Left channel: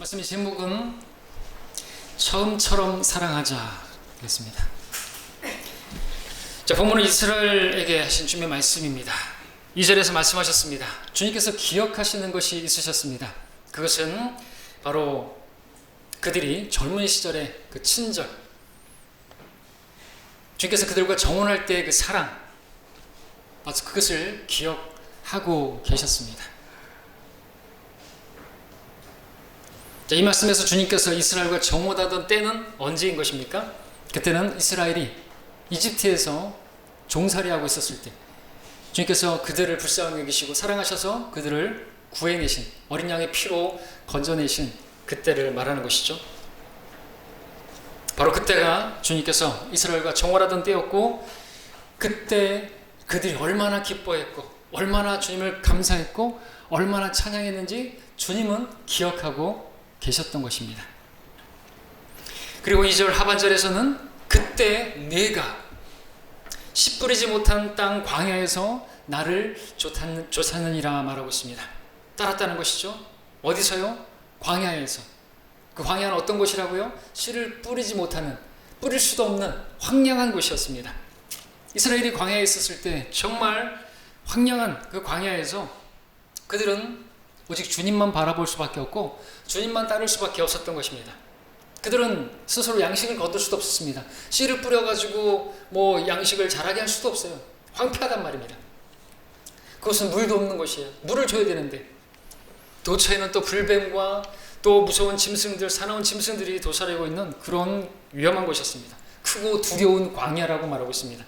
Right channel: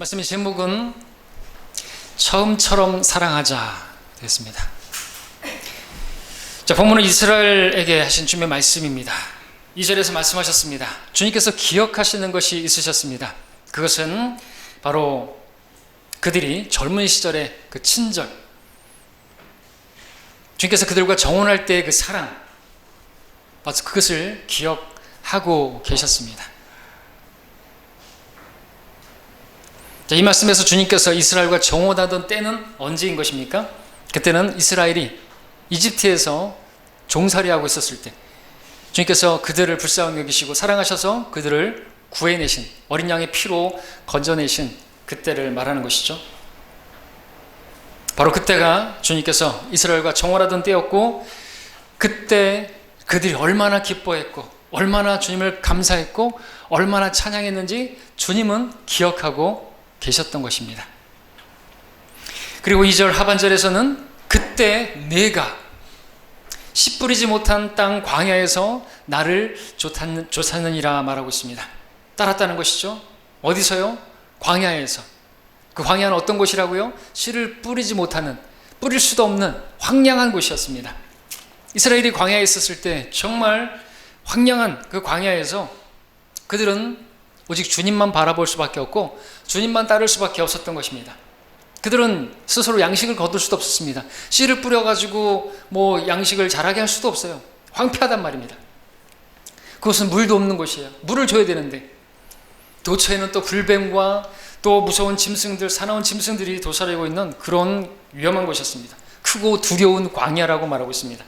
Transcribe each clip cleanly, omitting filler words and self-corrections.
말씀의 제목은 처음처럼 사랑하자 됐습니다. 자, 본문은 이스라엘에게 하신 주님의 말씀입니다. 2절에서 말씀하셨습니다. 주님께서 기억하시는 것이 있으셨습니다. 그것은 바로 그들이 젊은 시절의 그 친절, 주님께서 그들과 정혼할 때의 그 사랑, 바로 그것을 기억하고 계셨습니다. 자, 이 말씀에서 주님께서 이스라엘과 정혼하던 때는 언제인 것입니까? 그때는 이스라엘이 이집트에서 종살이하고 있었을 때 주님께서 그들을 불쌍히 여기시고 사랑하셔서 그들을 구해내신, 어린 양의 피로 건져내신 그때를 말하는 것이죠. 바로 그때가 주님께서 이스라엘과 정혼하던 때였고, 그때 그들이 얼마나 기뻐했고 얼마나 주님을 감사했고 얼마나 찬양했는지 주님은 기억하고 계셨던 것입니다. 그리고 2절 하반절에서는 그때 내가 씨 뿌리지 못한 땅 광야에서 나를 쫓았느니라 말하고 있습니다. 따랐다는 것이죠. 어디서요? 광야에서. 그 광야는 어떤 곳이라고요? 씨를 뿌리지 못하는, 뿌릴 수도 없는 황량한 곳이었습니다. 이스라엘이 광야에 있었을 때 정말 황량한 그 광야에서 그들은 오직 주님만 바라볼 수밖에 없고 주님만 따를 수밖에 없었던 것입니다. 그들은 스스로 양식을 거둘 수도 없었습니다. 씨를 뿌려가지고 양식을 자라게 할 수도 없어요. 황폐하단 말입니다. 그것은 물도 없는 곳이에요. 물을 줘야 되는데 도처에는 또 불뱀과 또 무서운 짐승들, 사나운 짐승들이 도사리고 있는 그런 위험한 곳이었습니다. 크고 두려운 광야라고 말하고 있습니다.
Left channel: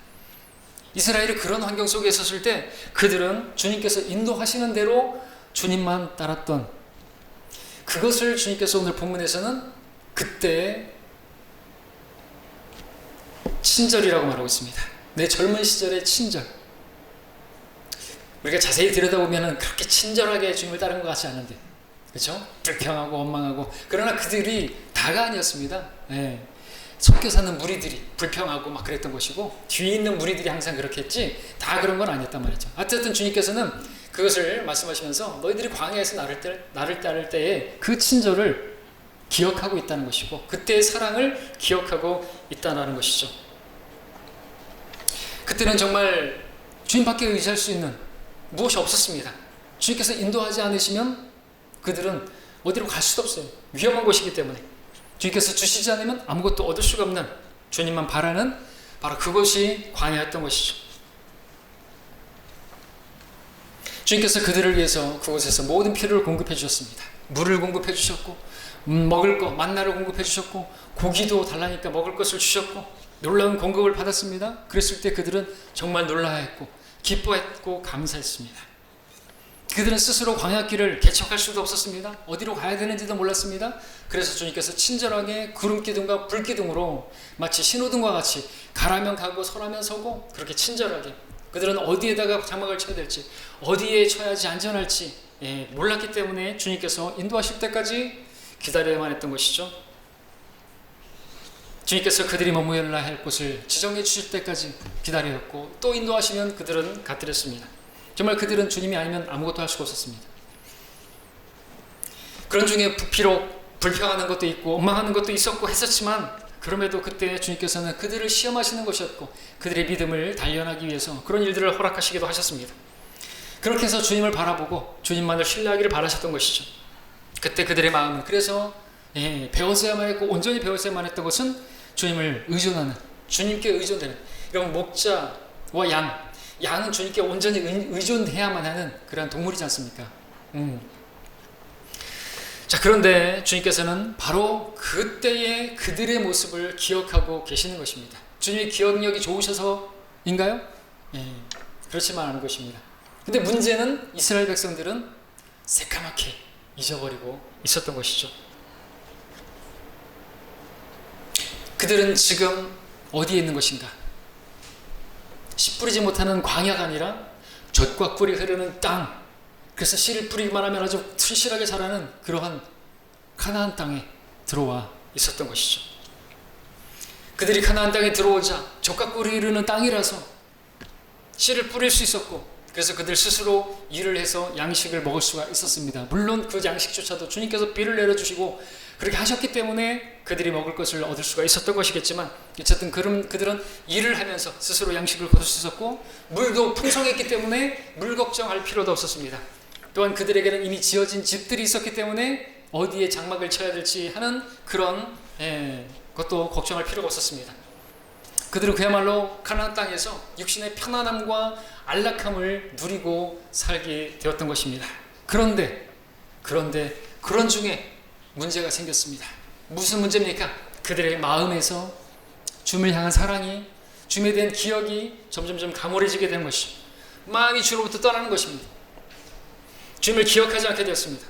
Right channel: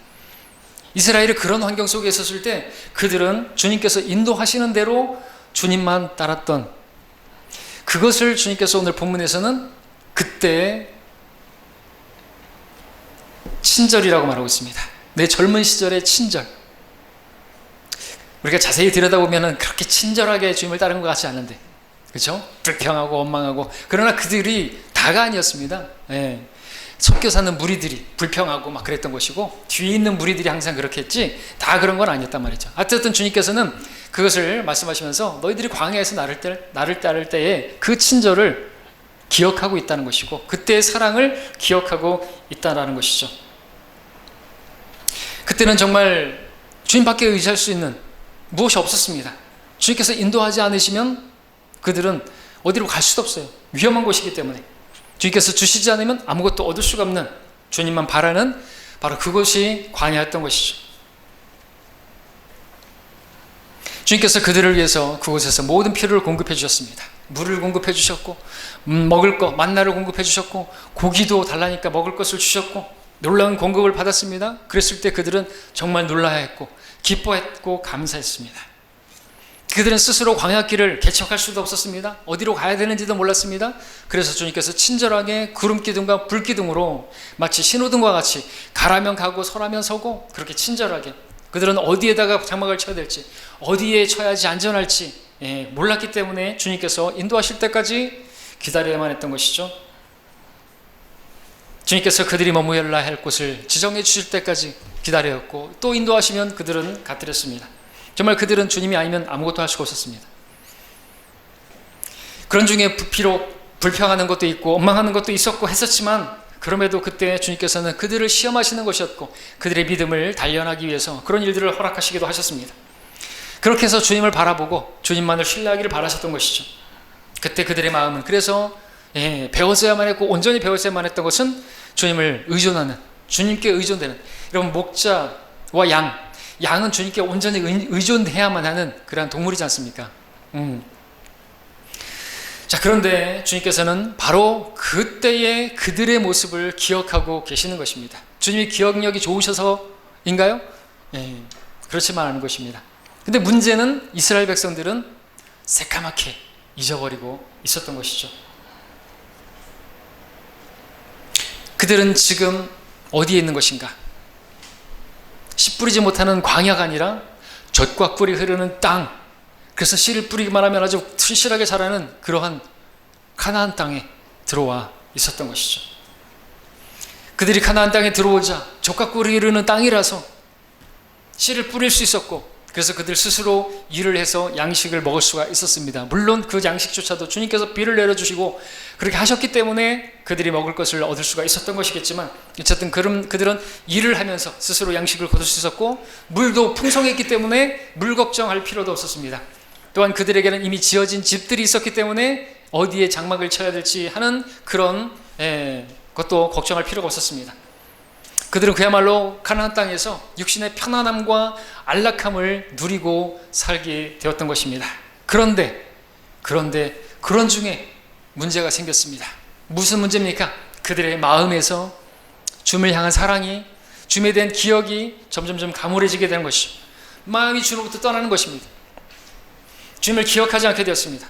이스라엘이 그런 환경 속에 있었을 때 그들은 주님께서 인도하시는 대로 주님만 따랐던, 그것을 주님께서 오늘 본문에서는 그때의 친절이라고 말하고 있습니다. 내 젊은 시절의 친절. 우리가 자세히 들여다보면 그렇게 친절하게 주님을 따른 것 같지 않은데, 그렇죠? 불평하고 원망하고. 그러나 그들이 다가 아니었습니다. 섞여 사는 무리들이 불평하고 막 그랬던 것이고 뒤에 있는 무리들이 항상 그렇게 했지 다 그런 건 아니었단 말이죠. 어쨌든 주님께서는 그것을 말씀하시면서 너희들이 광야에서 나를 따를 때에 그 친절을 기억하고 있다는 것이고 그때의 사랑을 기억하고 있다는 것이죠. 그때는 정말 주님밖에 의지할 수 있는 무엇이 없었습니다. 주님께서 인도하지 않으시면 그들은 어디로 갈 수도 없어요. 위험한 곳이기 때문에. 주님께서 주시지 않으면 아무것도 얻을 수가 없는, 주님만 바라는 바로 그것이 광야였던 것이죠. 주님께서 그들을 위해서 그곳에서 모든 필요를 공급해 주셨습니다. 물을 공급해 주셨고 먹을 것, 만나를 공급해 주셨고 고기도 달라니까 먹을 것을 주셨고 놀라운 공급을 받았습니다. 그랬을 때 그들은 정말 놀라야 했고 기뻐했고 감사했습니다. 그들은 스스로 광야길을 개척할 수도 없었습니다. 어디로 가야 되는지도 몰랐습니다. 그래서 주님께서 친절하게 구름기둥과 불기둥으로 마치 신호등과 같이 가라면 가고 서라면 서고 그렇게 친절하게, 그들은 어디에다가 장막을 쳐야 될지 어디에 쳐야지 안전할지 몰랐기 때문에 주님께서 인도하실 때까지 기다려야만 했던 것이죠. 주님께서 그들이 머무러야 할 곳을 지정해 주실 때까지 기다렸고 또 인도하시면 그들은 가뜨렸습니다. 정말 그들은 주님이 아니면 아무것도 할 수가 없었습니다. 그런 중에 비록 불평하는 것도 있고 원망하는 것도 있었고 했었지만 그럼에도 그때 주님께서는 그들을 시험하시는 것이었고 그들의 믿음을 단련하기 위해서 그런 일들을 허락하시기도 하셨습니다. 그렇게 해서 주님을 바라보고 주님만을 신뢰하기를 바라셨던 것이죠. 그때 그들의 마음은 그래서 배웠어야만 했고 온전히 배웠어야만 했던 것은 주님을 의존하는, 주님께 의존되는, 여러분 목자와 양은 주님께 온전히 의존해야만 하는 그러한 동물이지 않습니까? 자, 그런데 주님께서는 바로 그때의 그들의 모습을 기억하고 계시는 것입니다. 주님이 기억력이 좋으셔서인가요? 그렇지만 않은 것입니다. 근데 문제는 이스라엘 백성들은 새까맣게 잊어버리고 있었던 것이죠. 그들은 지금 어디에 있는 것인가? 씨 뿌리지 못하는 광야가 아니라 젖과 꿀이 흐르는 땅, 그래서 씨를 뿌리기만 하면 아주 튼실하게 자라는 그러한 가나안 땅에 들어와 있었던 것이죠. 그들이 가나안 땅에 들어오자 젖과 꿀이 흐르는 땅이라서 씨를 뿌릴 수 있었고 그래서 그들 스스로 일을 해서 양식을 먹을 수가 있었습니다. 물론 그 양식조차도 주님께서 비를 내려주시고 그렇게 하셨기 때문에 그들이 먹을 것을 얻을 수가 있었던 것이겠지만, 어쨌든 그들은 일을 하면서 스스로 양식을 거둘 수 있었고, 물도 풍성했기 때문에 물 걱정할 필요도 없었습니다. 또한 그들에게는 이미 지어진 집들이 있었기 때문에 어디에 장막을 쳐야 될지 하는 그런 것도 걱정할 필요가 없었습니다. 그들은 그야말로 가나안 땅에서 육신의 편안함과 안락함을 누리고 살게 되었던 것입니다. 그런데 그런 중에 문제가 생겼습니다. 무슨 문제입니까? 그들의 마음에서 주님을 향한 사랑이, 주님에 대한 기억이 점점점 가물해지게 되는 것이죠. 마음이 주님으로부터 떠나는 것입니다. 주님을 기억하지 않게 되었습니다.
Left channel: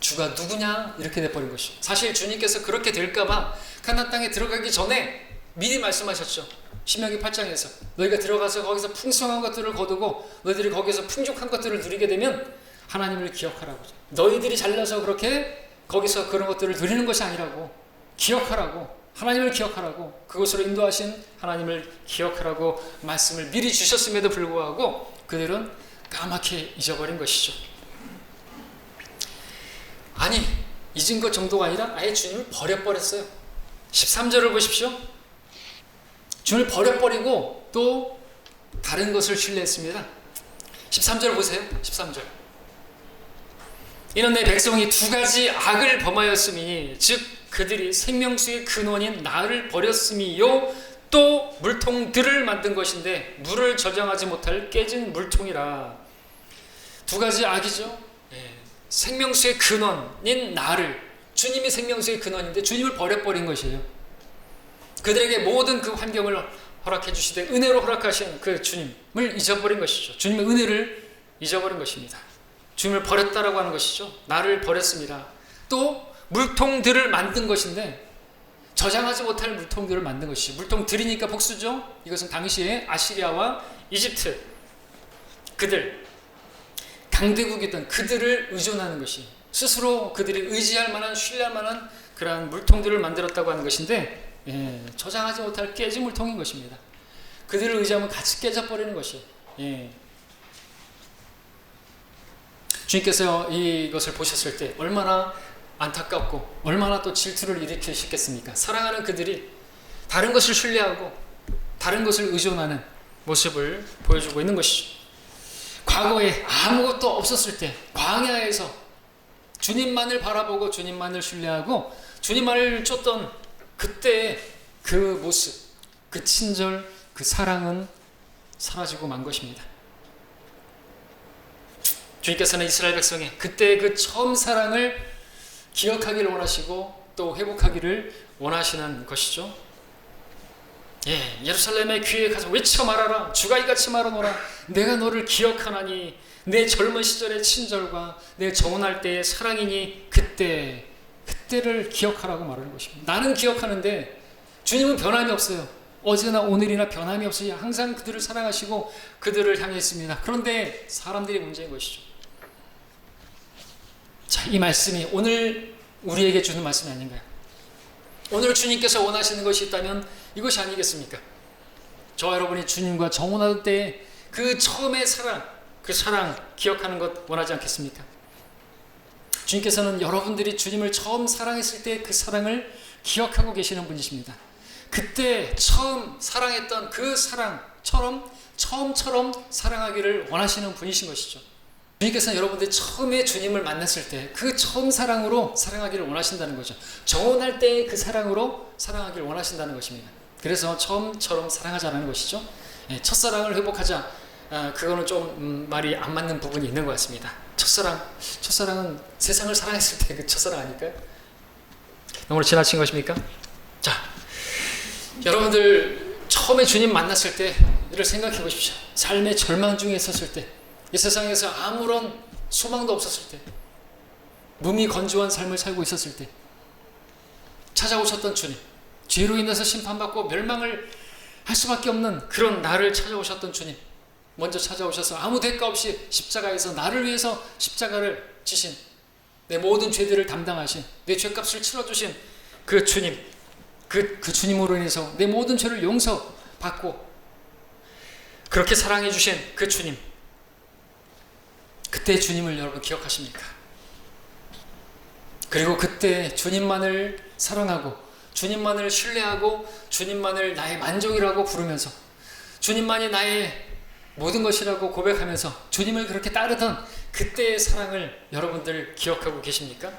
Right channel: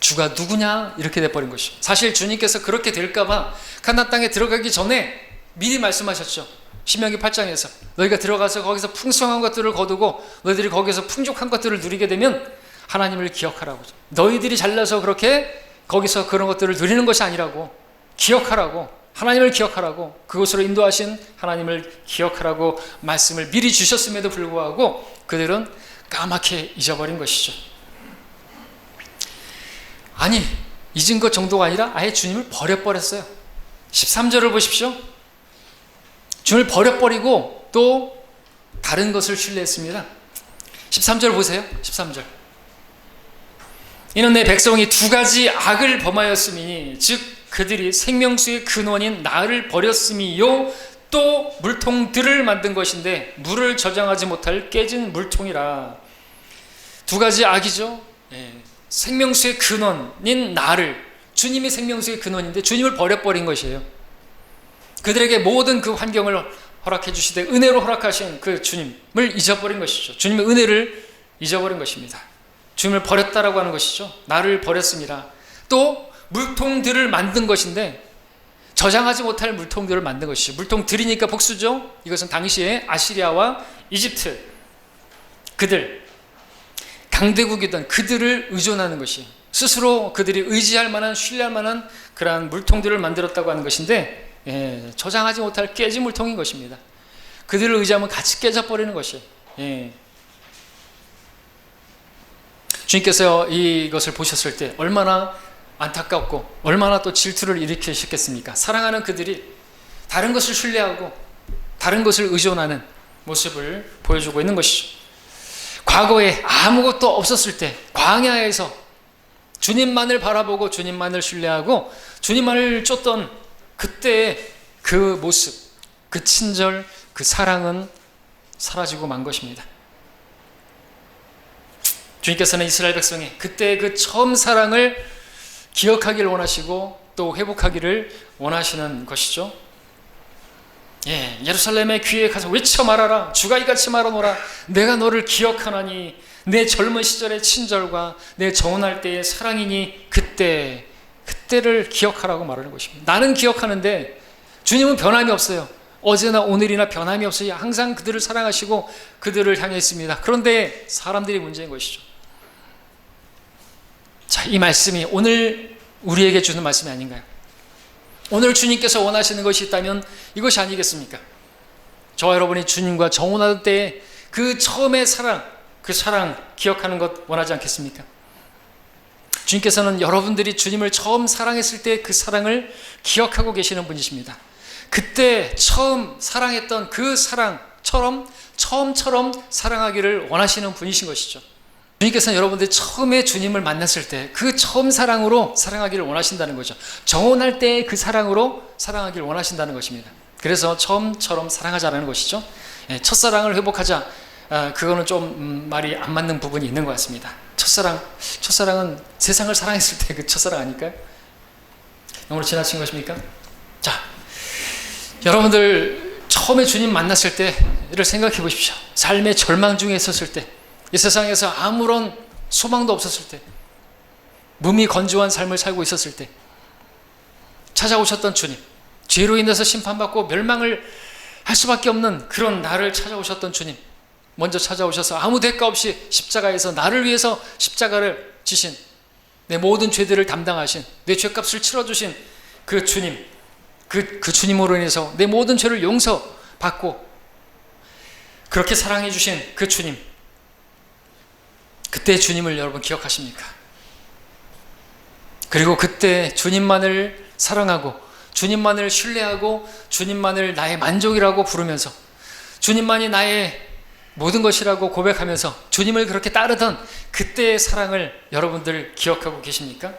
주가 누구냐? 이렇게 돼버린 것이죠. 사실 주님께서 그렇게 될까봐 가나안 땅에 들어가기 전에 미리 말씀하셨죠. 신명기 8장에서 너희가 들어가서 거기서 풍성한 것들을 거두고 너희들이 거기서 풍족한 것들을 누리게 되면 하나님을 기억하라고. 너희들이 잘나서 그렇게 거기서 그런 것들을 누리는 것이 아니라고, 기억하라고, 하나님을 기억하라고, 그곳으로 인도하신 하나님을 기억하라고 말씀을 미리 주셨음에도 불구하고 그들은 까맣게 잊어버린 것이죠. 아니, 잊은 것 정도가 아니라 아예 주님을 버려버렸어요. 13절을 보십시오. 주님을 버려버리고 또 다른 것을 신뢰했습니다. 13절 보세요. 13절. 이는 내 백성이 두 가지 악을 범하였음이니 즉 그들이 생명수의 근원인 나를 버렸음이요 또 물통들을 만든 것인데 물을 저장하지 못할 깨진 물통이라. 두 가지 악이죠. 생명수의 근원인 나를, 주님이 생명수의 근원인데 주님을 버려버린 것이에요. 그들에게 모든 그 환경을 허락해 주시되 은혜로 허락하신 그 주님을 잊어버린 것이죠. 주님의 은혜를 잊어버린 것입니다. 주님을 버렸다라고 하는 것이죠. 나를 버렸습니다. 또 물통들을 만든 것인데 저장하지 못할 물통들을 만든 것이죠. 물통들이니까 복수죠. 이것은 당시에 아시리아와 이집트, 그들 강대국이던 그들을 의존하는 것이, 스스로 그들이 의지할 만한, 신뢰할 만한 그러한 물통들을 만들었다고 하는 것인데, 저장하지 못할 깨진 물통인 것입니다. 그들을 의지하면 같이 깨져버리는 것이. 주님께서 이것을 보셨을 때 얼마나 안타깝고 얼마나 또 질투를 일으키셨겠습니까? 사랑하는 그들이 다른 것을 신뢰하고 다른 것을 의존하는 모습을 보여주고 있는 것이죠. 과거에 아무것도 없었을 때 광야에서 주님만을 바라보고 주님만을 신뢰하고 주님만을 쫓던 그때의 그 모습, 그 친절, 그 사랑은 사라지고 만 것입니다. 주님께서는 이스라엘 백성의 그때의 그 처음 사랑을 기억하기를 원하시고 또 회복하기를 원하시는 것이죠. 예루살렘의 귀에 가서 외쳐 말하라. 주가 이같이 말하노라. 내가 너를 기억하나니 내 젊은 시절의 친절과 내 정혼할 때의 사랑이니 그때를 기억하라고 말하는 것입니다. 나는 기억하는데 주님은 변함이 없어요. 어제나 오늘이나 변함이 없어요. 항상 그들을 사랑하시고 그들을 향해 있습니다. 그런데 사람들이 문제인 것이죠. 자, 이 말씀이 오늘 우리에게 주는 말씀이 아닌가요? 오늘 주님께서 원하시는 것이 있다면 이것이 아니겠습니까? 저와 여러분이 주님과 정혼할 때 그 처음의 사랑, 그 사랑 기억하는 것 원하지 않겠습니까? 주님께서는 여러분들이 주님을 처음 사랑했을 때 그 사랑을 기억하고 계시는 분이십니다. 그때 처음 사랑했던 그 사랑처럼 처음처럼 사랑하기를 원하시는 분이신 것이죠. 주님께서는 여러분들이 처음에 주님을 만났을 때 그 처음 사랑으로 사랑하기를 원하신다는 거죠. 정혼할 때 그 사랑으로 사랑하기를 원하신다는 것입니다. 그래서 처음처럼 사랑하자라는 것이죠. 첫사랑을 회복하자, 그거는 좀 말이 안 맞는 부분이 있는 것 같습니다. 첫사랑은 세상을 사랑했을 때 그 첫사랑 아닐까요? 너무 지나친 것입니까? 자, 여러분들 처음에 주님 만났을 때를 생각해 보십시오. 삶의 절망 중에 있었을 때, 이 세상에서 아무런 소망도 없었을 때, 몸이 건조한 삶을 살고 있었을 때 찾아오셨던 주님, 죄로 인해서 심판받고 멸망을 할 수밖에 없는 그런 나를 찾아오셨던 주님, 먼저 찾아오셔서 아무 대가 없이 십자가에서 나를 위해서 십자가를 지신, 내 모든 죄들을 담당하신, 내 죄값을 치러주신 그 주님, 그 주님으로 인해서 내 모든 죄를 용서받고 그렇게 사랑해 주신 그 주님, 그때 주님을 여러분 기억하십니까? 그리고 그때 주님만을 사랑하고 주님만을 신뢰하고 주님만을 나의 만족이라고 부르면서 주님만이 나의 모든 것이라고 고백하면서 주님을 그렇게 따르던 그때의 사랑을 여러분들 기억하고 계십니까?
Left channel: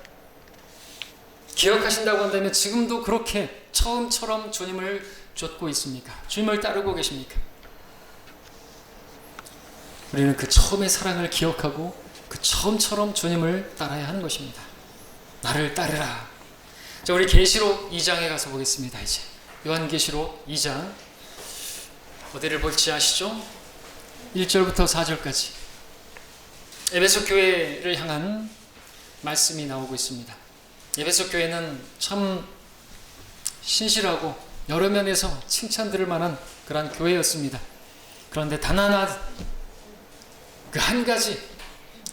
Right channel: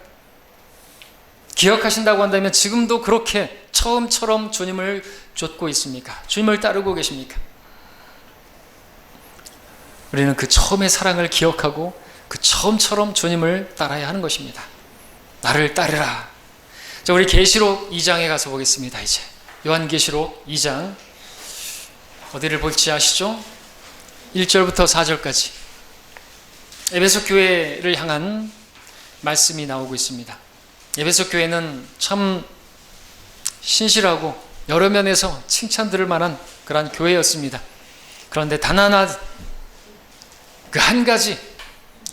기억하신다고 한다면 지금도 그렇게 처음처럼 주님을 쫓고 있습니까? 주님을 따르고 계십니까? 우리는 그 처음의 사랑을 기억하고 그 처음처럼 주님을 따라야 하는 것입니다. 나를 따르라. 자, 우리 계시록 2장에 가서 보겠습니다. 이제 요한계시록 2장 어디를 볼지 아시죠? 1절부터 4절까지 에베소 교회를 향한 말씀이 나오고 있습니다. 에베소 교회는 참 신실하고 여러 면에서 칭찬들을 만한 그러한 교회였습니다. 그런데 단 하나 그 한 가지,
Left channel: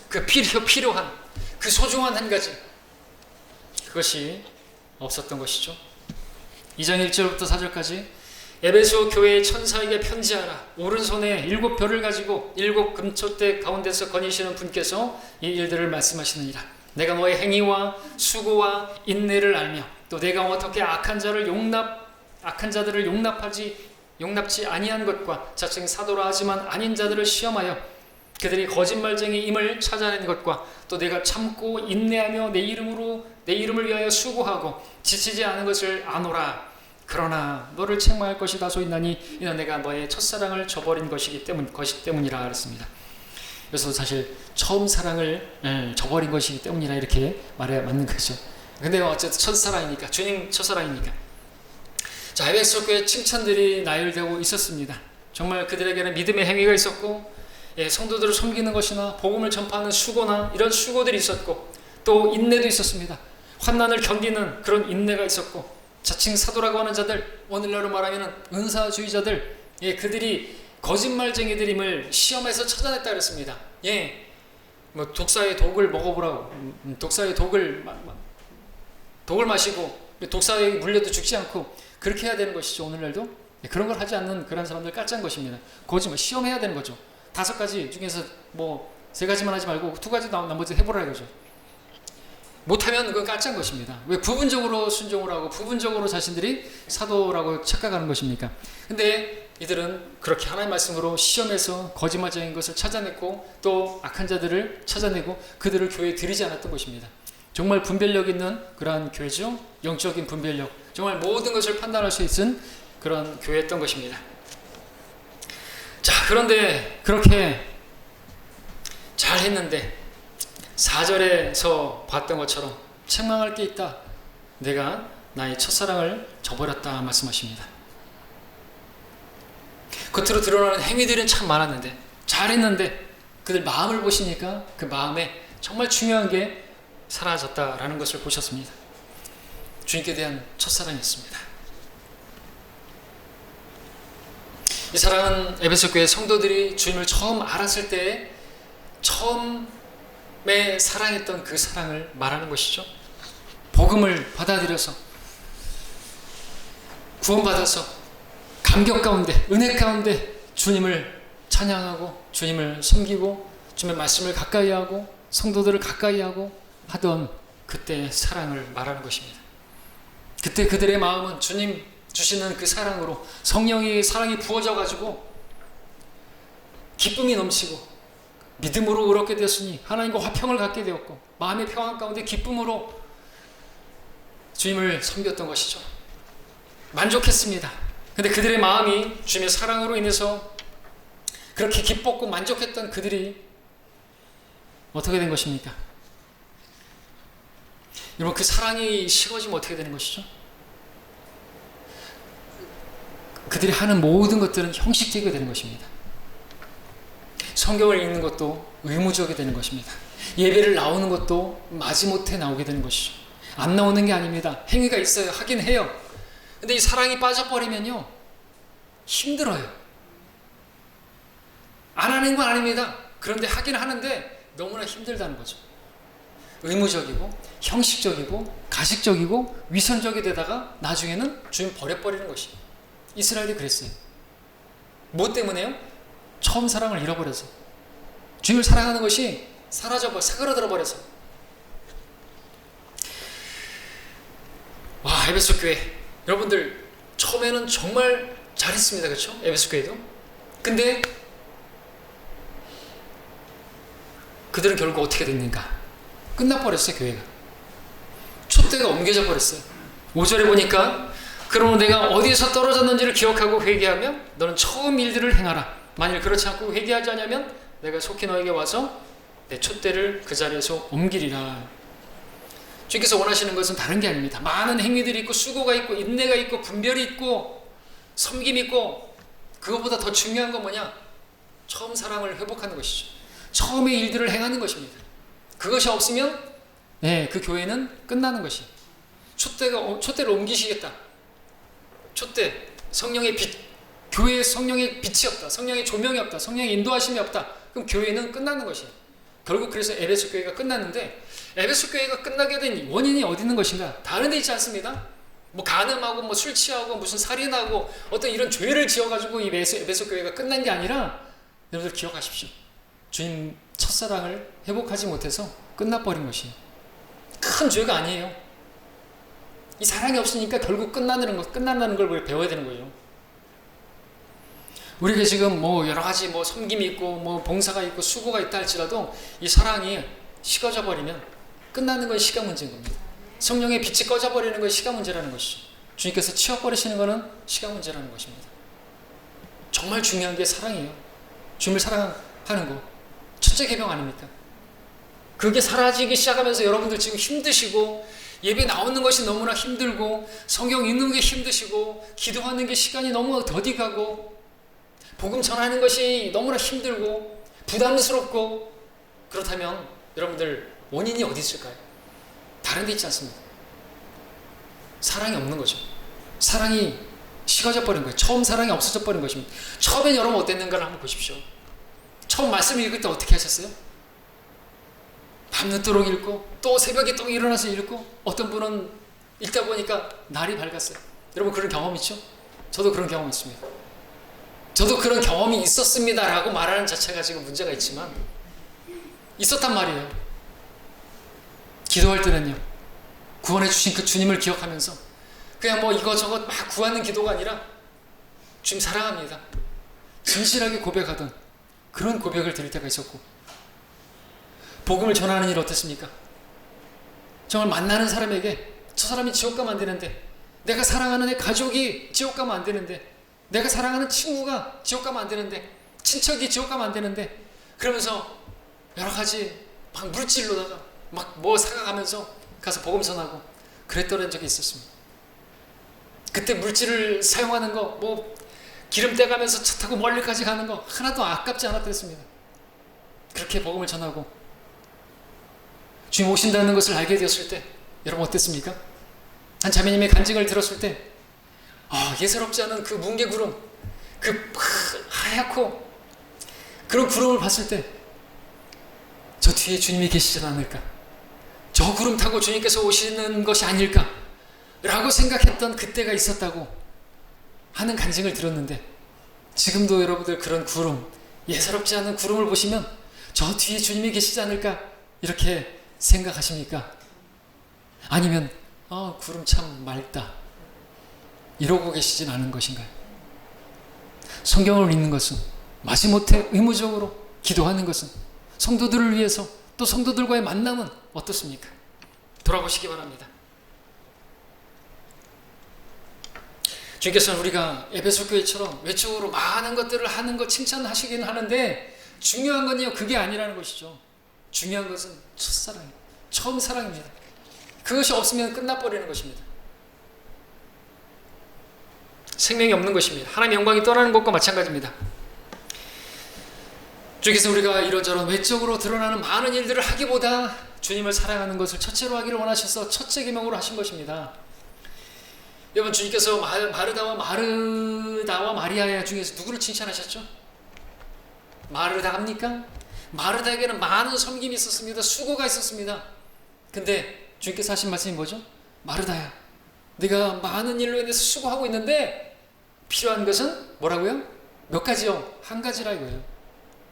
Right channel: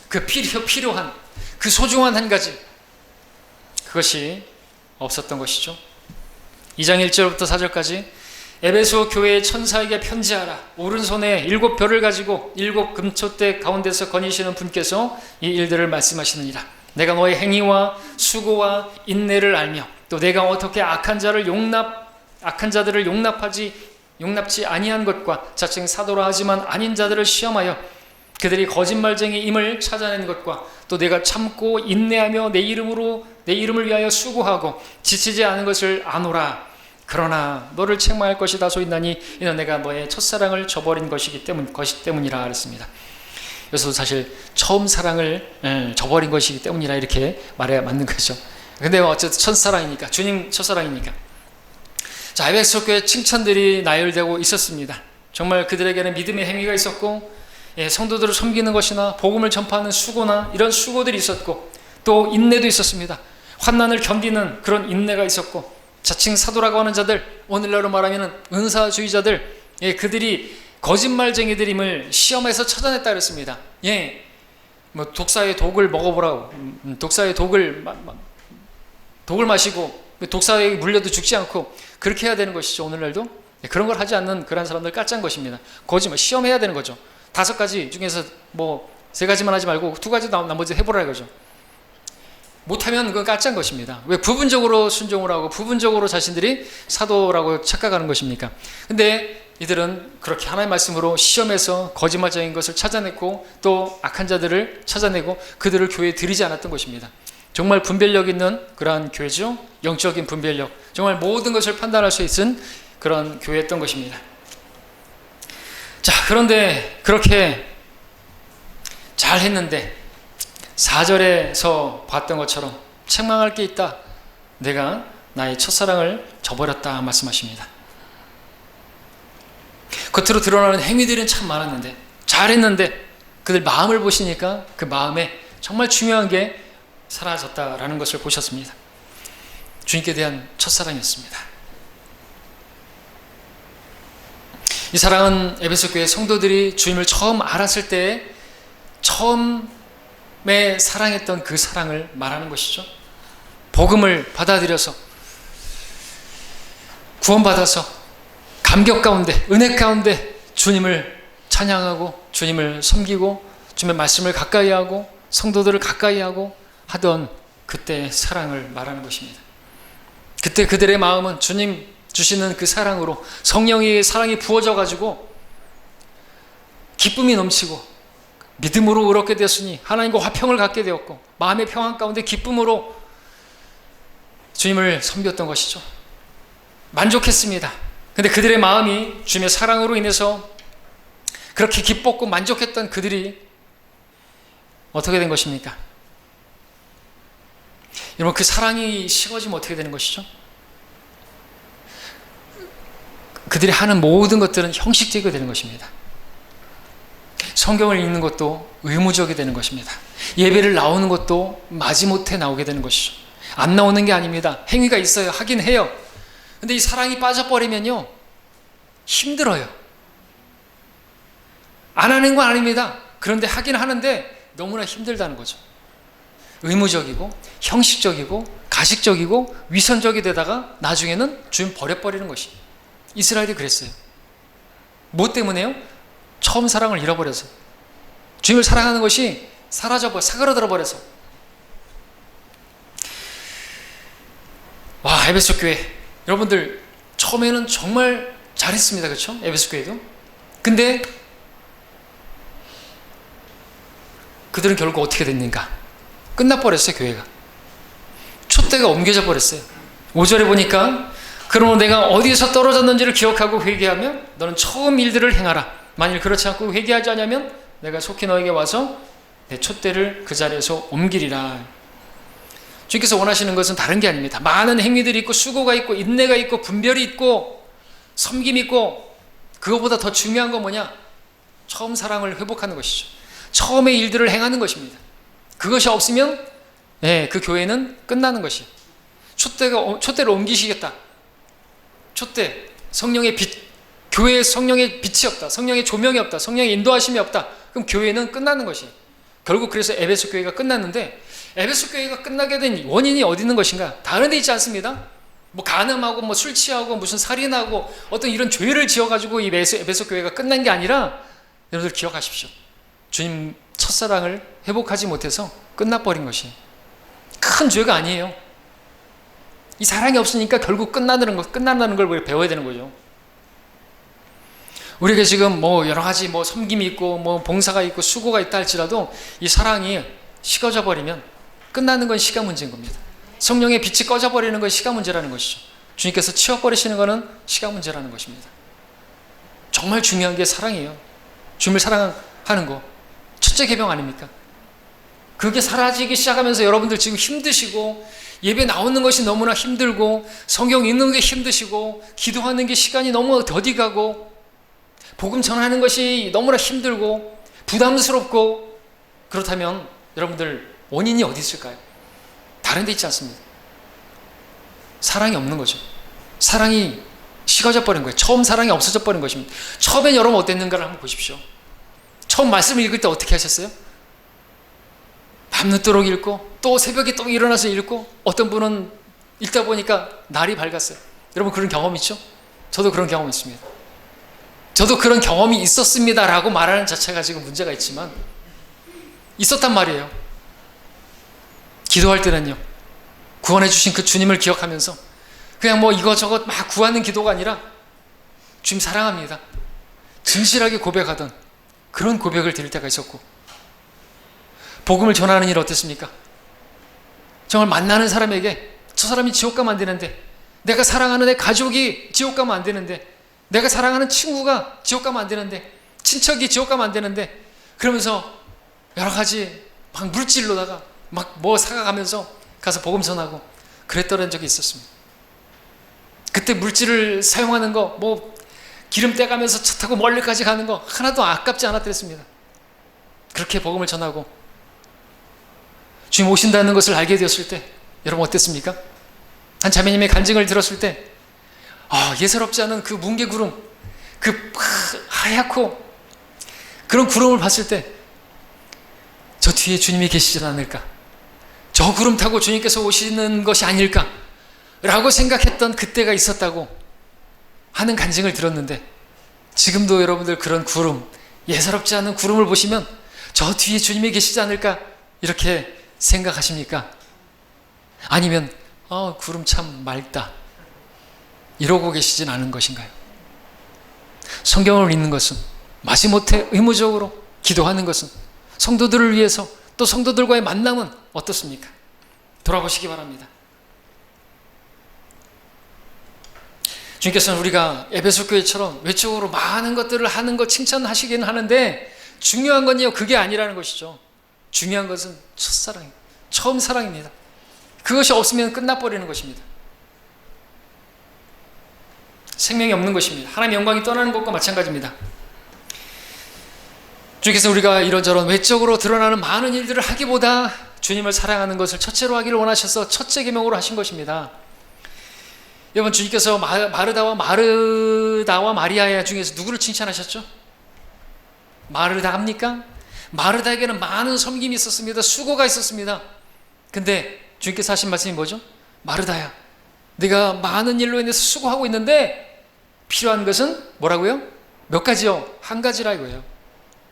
그 필요한 그 소중한 한 가지, 그것이 없었던 것이죠. 2장 1절부터 4절까지 에베소 교회의 천사에게 편지하라. 오른손에 7별을 가지고 7 금초대 가운데서 거니시는 분께서 이 일들을 말씀하시느니라. 내가 너의 행위와 수고와 인내를 알며 또 내가 어떻게 악한 자들을 용납지 아니한 것과 자칭 사도라 하지만 아닌 자들을 시험하여 그들이 거짓말쟁이임을 찾아낸 것과 또 내가 참고 인내하며 내 이름을 위하여 수고하고 지치지 않은 것을 아노라. 그러나 너를 책망할 것이 다소 있나니 이는 내가 너의 첫사랑을 저버린 것이 때문이라 그랬습니다. 그래서 사실 처음 사랑을 저버린 것이기 때문이라 이렇게 말해야 맞는 거죠. 근데 어쨌든 첫사랑이니까, 주님 첫사랑이니까. 자, 에베소 교회 칭찬들이 나열되고 있었습니다. 정말 그들에게는 믿음의 행위가 있었고, 성도들을 섬기는 것이나 복음을 전파하는 수고나 이런 수고들이 있었고, 또 인내도 있었습니다. 환난을 견디는 그런 인내가 있었고, 자칭 사도라고 하는 자들, 오늘날로 말하면 은사주의자들, 그들이 거짓말쟁이들임을 시험에서 찾아냈다 그랬습니다. 뭐 독사의 독을 먹어보라고, 독사의 독을 마시고 독사에 물려도 죽지 않고 그렇게 해야 되는 것이죠. 오늘날도 그런 걸 하지 않는 그런 사람들 까짠 것입니다. 거짓말 시험해야 되는 거죠. 5가지 중에서 뭐 3가지만 하지 말고 2가지 나머지 해보라 이거죠. 못하면 그건 까짠 것입니다. 왜 부분적으로 순종을 하고 부분적으로 자신들이 사도라고 착각하는 것입니까? 근데 이들은 그렇게 하나님의 말씀으로 시험에서 거짓말쟁인 것을 찾아냈고 또 악한 자들을 찾아내고 그들을 교회에 들이지 않았던 것입니다. 정말 분별력 있는 그러한 교회죠. 영적인 분별력, 정말 모든 것을 판단할 수 있는 그런 교회였던 것입니다. 자, 그런데 그렇게 잘 했는데 4절에서 봤던 것처럼 책망할 게 있다. 내가 나의 첫사랑을 저버렸다 말씀하십니다. 겉으로 드러나는 행위들은 참 많았는데 잘했는데 그들 마음을 보시니까 그 마음에 정말 중요한 게 사라졌다라는 것을 보셨습니다. 주님께 대한 첫사랑이었습니다. 이 사랑은 에베소 교회 성도들이 주님을 처음 알았을 때 처음에 사랑했던 그 사랑을 말하는 것이죠. 복음을 받아들여서 구원받아서 감격 가운데 은혜 가운데 주님을 찬양하고 주님을 섬기고 주님의 말씀을 가까이 하고 성도들을 가까이 하고 하던 그때의 사랑을 말하는 것입니다. 그때 그들의 마음은 주님 주시는 그 사랑으로 성령의 사랑이 부어져 가지고 기쁨이 넘치고 믿음으로 의롭게 되었으니 하나님과 화평을 갖게 되었고 마음의 평안 가운데 기쁨으로 주님을 섬겼던 것이죠. 만족했습니다. 근데 그들의 마음이 주님의 사랑으로 인해서 그렇게 기뻤고 만족했던 그들이 어떻게 된 것입니까? 여러분, 그 사랑이 식어지면 어떻게 되는 것이죠? 그들이 하는 모든 것들은 형식적이 되는 것입니다. 성경을 읽는 것도 의무적이 되는 것입니다. 예배를 나오는 것도 마지못해 나오게 되는 것이죠. 안 나오는 게 아닙니다. 행위가 있어요. 하긴 해요. 근데 이 사랑이 빠져버리면요 힘들어요. 안 하는 건 아닙니다. 그런데 하긴 하는데 너무나 힘들다는 거죠. 의무적이고 형식적이고 가식적이고 위선적이 되다가 나중에는 주님 버려버리는 것이. 이스라엘이 그랬어요. 뭐 때문에요? 처음 사랑을 잃어버려서, 주님을 사랑하는 것이 사그라들어 버려서. 와, 에베소 교회 여러분들 처음에는 정말 잘했습니다. 그렇죠? 에베소 교회도. 근데 그들은 결국 어떻게 됐는가? 끝나버렸어요. 교회가 촛대가 옮겨져 버렸어요. 5절에 보니까 그러므로 내가 어디에서 떨어졌는지를 기억하고 회개하며 너는 처음 일들을 행하라. 만일 그렇지 않고 회개하지 않으면 내가 속히 너에게 와서 내 촛대를 그 자리에서 옮기리라. 주님께서 원하시는 것은 다른 게 아닙니다. 많은 행위들이 있고 수고가 있고 인내가 있고 분별이 있고 섬김이 있고, 그것보다 더 중요한 건 뭐냐? 처음 사랑을 회복하는 것이죠. 처음의 일들을 행하는 것입니다. 그것이 없으면 그 교회는 끝나는 것이. 촛대를 옮기시겠다. 촛대, 성령의 빛, 교회에 성령의 빛이 없다, 성령의 조명이 없다, 성령의 인도하심이 없다. 그럼 교회는 끝나는 것이. 결국 그래서 에베소 교회가 끝났는데, 에베소 교회가 끝나게 된 원인이 어디 있는 것인가? 다른 데 있지 않습니다. 뭐 간음하고 뭐 술 취하고 무슨 살인하고 어떤 이런 죄를 지어가지고 이 에베소 교회가 끝난 게 아니라, 여러분들 기억하십시오. 주님 첫사랑을 회복하지 못해서 끝나버린 것이 큰 죄가 아니에요. 이 사랑이 없으니까 결국 끝난다는 걸 배워야 되는 거죠. 우리가 지금 뭐 여러 가지 뭐 섬김이 있고 뭐 봉사가 있고 수고가 있다 할지라도 이 사랑이 식어져 버리면 끝나는 건 시간 문제인 겁니다. 성령의 빛이 꺼져 버리는 건 시간 문제라는 것이죠. 주님께서 치워버리시는 것은 시간 문제라는 것입니다. 정말 중요한 게 사랑이에요. 주님을 사랑하는 거 첫째 계명 아닙니까? 그게 사라지기 시작하면서 여러분들 지금 힘드시고, 예배 나오는 것이 너무나 힘들고, 성경 읽는 게 힘드시고, 기도하는 게 시간이 너무 더디 가고, 복음 전하는 것이 너무나 힘들고 부담스럽고, 그렇다면 여러분들 원인이 어디 있을까요? 다른 데 있지 않습니다. 사랑이 없는 거죠. 사랑이 식어져 버린 거예요. 처음 사랑이 없어져 버린 것입니다. 처음엔 여러분 어땠는가를 한번 보십시오. 처음 말씀을 읽을 때 어떻게 하셨어요? 밤늦도록 읽고 또 새벽에 또 일어나서 읽고, 어떤 분은 읽다 보니까 날이 밝았어요. 여러분 그런 경험 있죠? 저도 그런 경험이 있습니다. 저도 그런 경험이 있었습니다 라고 말하는 자체가 지금 문제가 있지만 있었단 말이에요. 기도할 때는요, 구원해 주신 그 주님을 기억하면서 그냥 뭐 이것저것 막 구하는 기도가 아니라 주님 사랑합니다, 진실하게 고백하던 그런 고백을 드릴 때가 있었고, 복음을 전하는 일 어땠습니까? 정말 만나는 사람에게 저 사람이 지옥 가면 안 되는데, 내가 사랑하는 내 가족이 지옥 가면 안 되는데, 내가 사랑하는 친구가 지옥 가면 안 되는데, 친척이 지옥 가면 안 되는데, 그러면서 여러 가지 막 물질로다가 막 뭐 사가가면서 가서 복음 전하고 그랬던 적이 있었습니다. 그때 물질을 사용하는 거, 뭐 기름 떼가면서 차 타고 멀리까지 가는 거 하나도 아깝지 않았더랬습니다. 그렇게 복음을 전하고 주님 오신다는 것을 알게 되었을 때 여러분 어땠습니까? 한 자매님의 간증을 들었을 때 예사롭지 않은 그 뭉게구름, 그 하얗고 그런 구름을 봤을 때 저 뒤에 주님이 계시지 않을까, 저 구름 타고 주님께서 오시는 것이 아닐까 라고 생각했던 그때가 있었다고 하는 간증을 들었는데, 지금도 여러분들 그런 구름, 예사롭지 않은 구름을 보시면 저 뒤에 주님이 계시지 않을까 이렇게 생각하십니까? 아니면 구름 참 맑다 이러고 계시진 않은 것인가요? 성경을 읽는 것은, 마지못해 의무적으로 기도하는 것은, 성도들을 위해서 또 성도들과의 만남은 어떻습니까? 돌아보시기 바랍니다. 주님께서는 우리가 에베소 교회처럼 외적으로 많은 것들을 하는 것 칭찬하시기는 하는데, 중요한 건요 그게 아니라는 것이죠. 중요한 것은 첫사랑이에요. 처음 사랑입니다. 그것이 없으면 끝나버리는 것입니다. 생명이 없는 것입니다. 하나님의 영광이 떠나는 것과 마찬가지입니다. 주님께서 우리가 이런저런 외적으로 드러나는 많은 일들을 하기보다 주님을 사랑하는 것을 첫째로 하기를 원하셔서 첫째 계명으로 하신 것입니다. 여러분, 주님께서 마르다와 마리아 중에서 누구를 칭찬하셨죠? 마르다입니까? 마르다에게는 많은 섬김이 있었습니다. 수고가 있었습니다. 근데 주님께서 하신 말씀이 뭐죠? 마르다야, 네가 많은 일로 인해서 수고하고 있는데 필요한 것은 뭐라고요? 몇 가지요? 한 가지라 이거예요.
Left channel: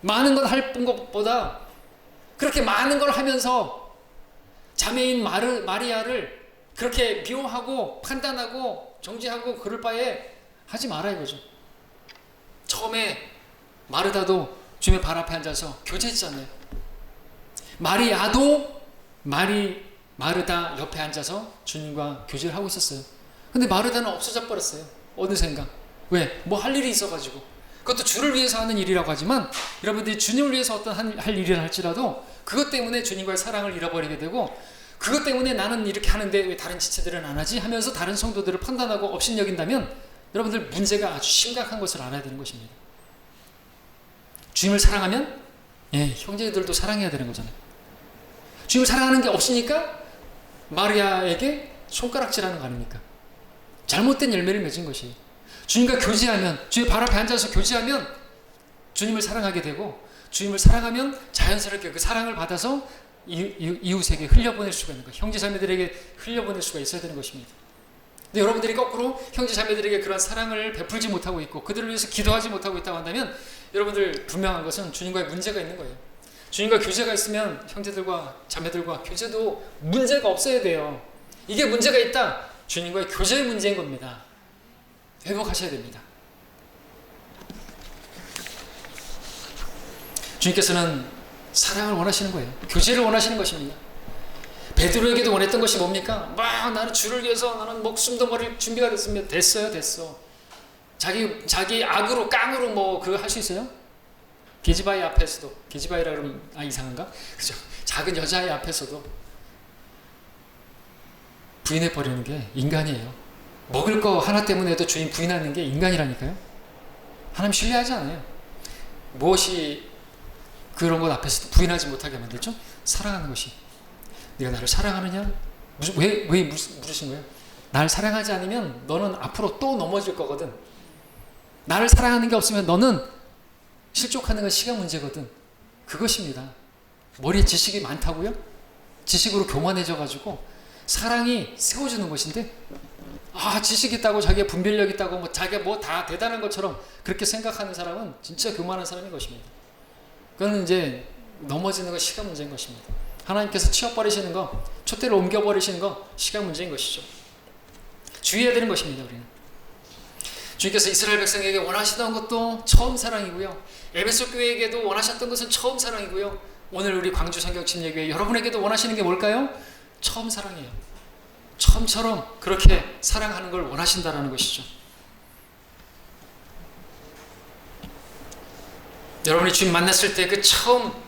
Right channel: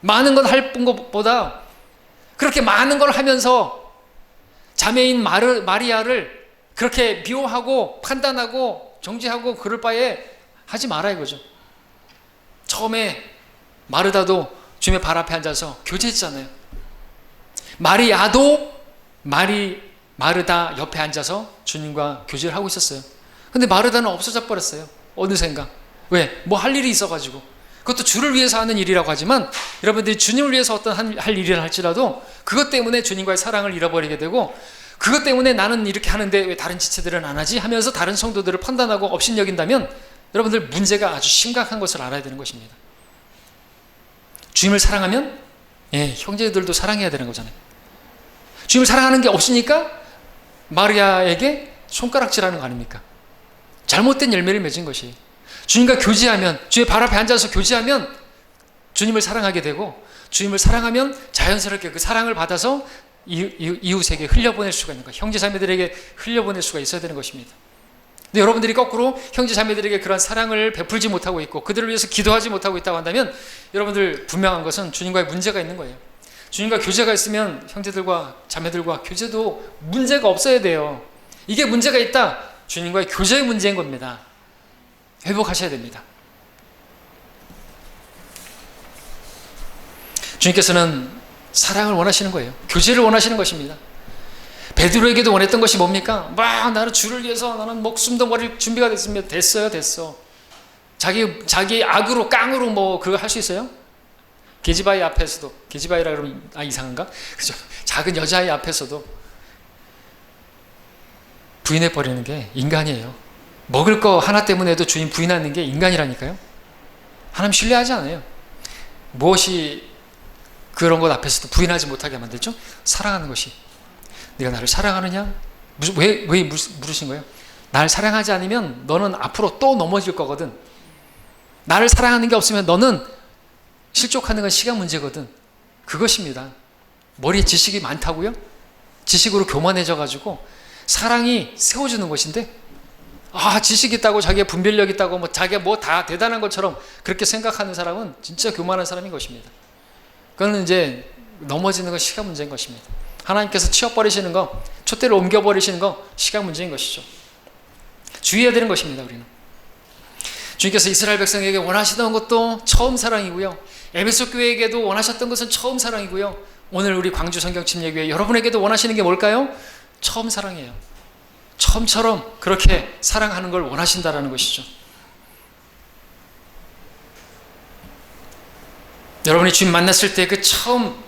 많은 건 할 것보다 그렇게 많은 걸 하면서 자매인 마리아를 그렇게 미워하고 판단하고 정죄하고 그럴 바에 하지 마라 이거죠. 처음에 마르다도 주님의 발 앞에 앉아서 교제했잖아요. 마리아도 마르다 옆에 앉아서 주님과 교제를 하고 있었어요. 근데 마르다는 없어져 버렸어요. 어느샌가. 왜? 뭐 할 일이 있어가지고. 그것도 주를 위해서 하는 일이라고 하지만 여러분들이 주님을 위해서 어떤 할 일을 할지라도 그것 때문에 주님과의 사랑을 잃어버리게 되고, 그것 때문에 나는 이렇게 하는데 왜 다른 지체들은 안 하지? 하면서 다른 성도들을 판단하고 업신여긴다면 여러분들 문제가 아주 심각한 것을 알아야 되는 것입니다. 주님을 사랑하면 형제들도 사랑해야 되는 거잖아요. 주님을 사랑하는 게 없으니까 마리아에게 손가락질하는 거 아닙니까? 잘못된 열매를 맺은 것이에요. 주님과 교제하면, 주의 발 앞에 앉아서 교제하면 주님을 사랑하게 되고, 주님을 사랑하면 자연스럽게 그 사랑을 받아서 이웃에게 흘려보낼 수가 있는 거예요. 형제자매들에게 흘려보낼 수가 있어야 되는 것입니다. 근데 여러분들이 거꾸로 형제자매들에게 그런 사랑을 베풀지 못하고 있고 그들을 위해서 기도하지 못하고 있다고 한다면 여러분들 분명한 것은 주님과의 문제가 있는 거예요. 주님과 교제가 있으면 형제들과 자매들과 교제도 문제가 없어야 돼요. 이게 문제가 있다, 주님과의 교제의 문제인 겁니다. 회복하셔야 됩니다. 주님께서는 사랑을 원하시는 거예요. 교제를 원하시는 것입니다. 베드로에게도 원했던 것이 뭡니까? 막 나는 주를 위해서 나는 목숨도 버릴 준비가 됐습니다. 됐어. 자기 악으로 깡으로 뭐 그거 할 수 있어요? 계지바이 앞에서도, 계지바이라 그러면 이상한가? 그죠? 작은 여자아이 앞에서도 부인해 버리는 게 인간이에요. 먹을 거 하나 때문에도 주인 부인하는 게 인간이라니까요. 하나님 신뢰하지 않아요. 무엇이 그런 것 앞에서도 부인하지 못하게 만들죠? 사랑하는 것이. 네가 나를 사랑하느냐? 왜 물으신 거예요? 나를 사랑하지 않으면 너는 앞으로 또 넘어질 거거든. 나를 사랑하는 게 없으면 너는 실족하는 건 시간 문제거든. 그것입니다. 머리에 지식이 많다고요? 지식으로 교만해져가지고 사랑이 세워주는 것인데, 지식 있다고 자기가 분별력 있다고 뭐 자기가 뭐 다 대단한 것처럼 그렇게 생각하는 사람은 진짜 교만한 사람인 것입니다. 그거는 이제 넘어지는 건 시간 문제인 것입니다. 하나님께서 치워버리시는 거, 촛대를 옮겨버리시는 거 시간 문제인 것이죠. 주의해야 되는 것입니다. 우리는 주님께서 이스라엘 백성에게 원하시던 것도 처음 사랑이고요, 에베소 교회에게도 원하셨던 것은 처음 사랑이고요, 오늘 우리 광주 성경침례교회 여러분에게도 원하시는 게 뭘까요? 처음 사랑이에요. 처음처럼 그렇게 사랑하는 걸 원하신다라는 것이죠. 여러분이 주님 만났을 때 그 처음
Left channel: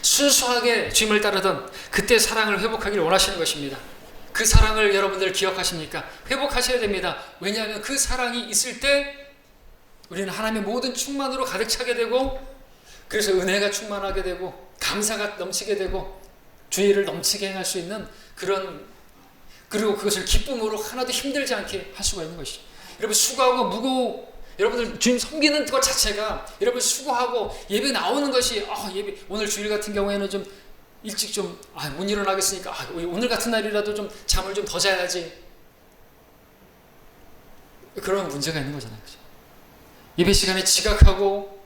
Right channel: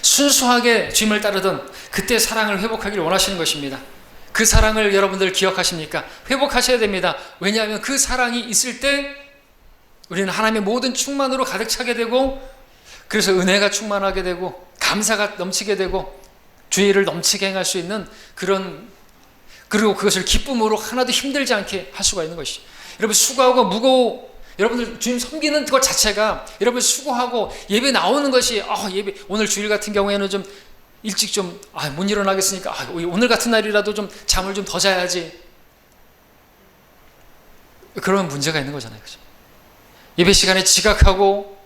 순수하게 주님을 따르던 그때 사랑을 회복하기를 원하시는 것입니다. 그 사랑을 여러분들 기억하십니까? 회복하셔야 됩니다. 왜냐하면 그 사랑이 있을 때 우리는 하나님의 모든 충만으로 가득 차게 되고, 그래서 은혜가 충만하게 되고 감사가 넘치게 되고 주의 일을 넘치게 행할 수 있는 그리고 그것을 기쁨으로 하나도 힘들지 않게 할 수가 있는 것이죠. 여러분 수고하고 무거워, 여러분들 주님 섬기는 것 자체가 여러분 수고하고 예배 나오는 것이 예배 오늘 주일 같은 경우에는 좀 일찍 좀 못 일어나겠으니까 오늘 같은 날이라도 좀 잠을 좀 더 자야지, 그런 문제가 있는 거잖아요. 그렇죠? 예배 시간에 지각하고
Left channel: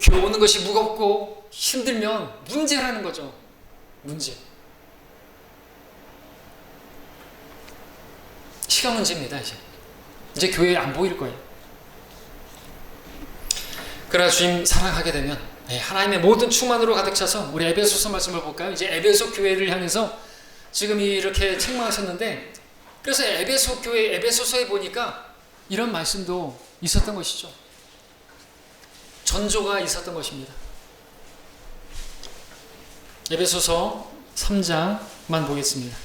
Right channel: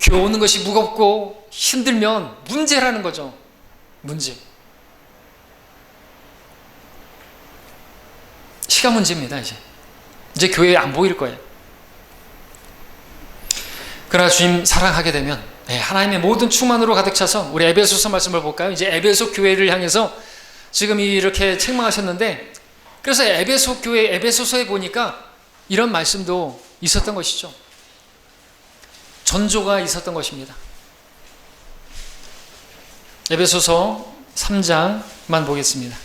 교회 오는 것이 무겁고 힘들면 문제라는 거죠. 문제. 시간 문제입니다. 이제 교회에 안 보일 거예요. 그러나 주님 사랑하게 되면 하나님의 모든 충만으로 가득 차서, 우리 에베소서 말씀을 볼까요? 이제 에베소 교회를 향해서 지금 이렇게 책망하셨는데, 그래서 에베소 교회 에베소서에 보니까 이런 말씀도 있었던 것이죠. 전조가 있었던 것입니다. 에베소서 3장만 보겠습니다.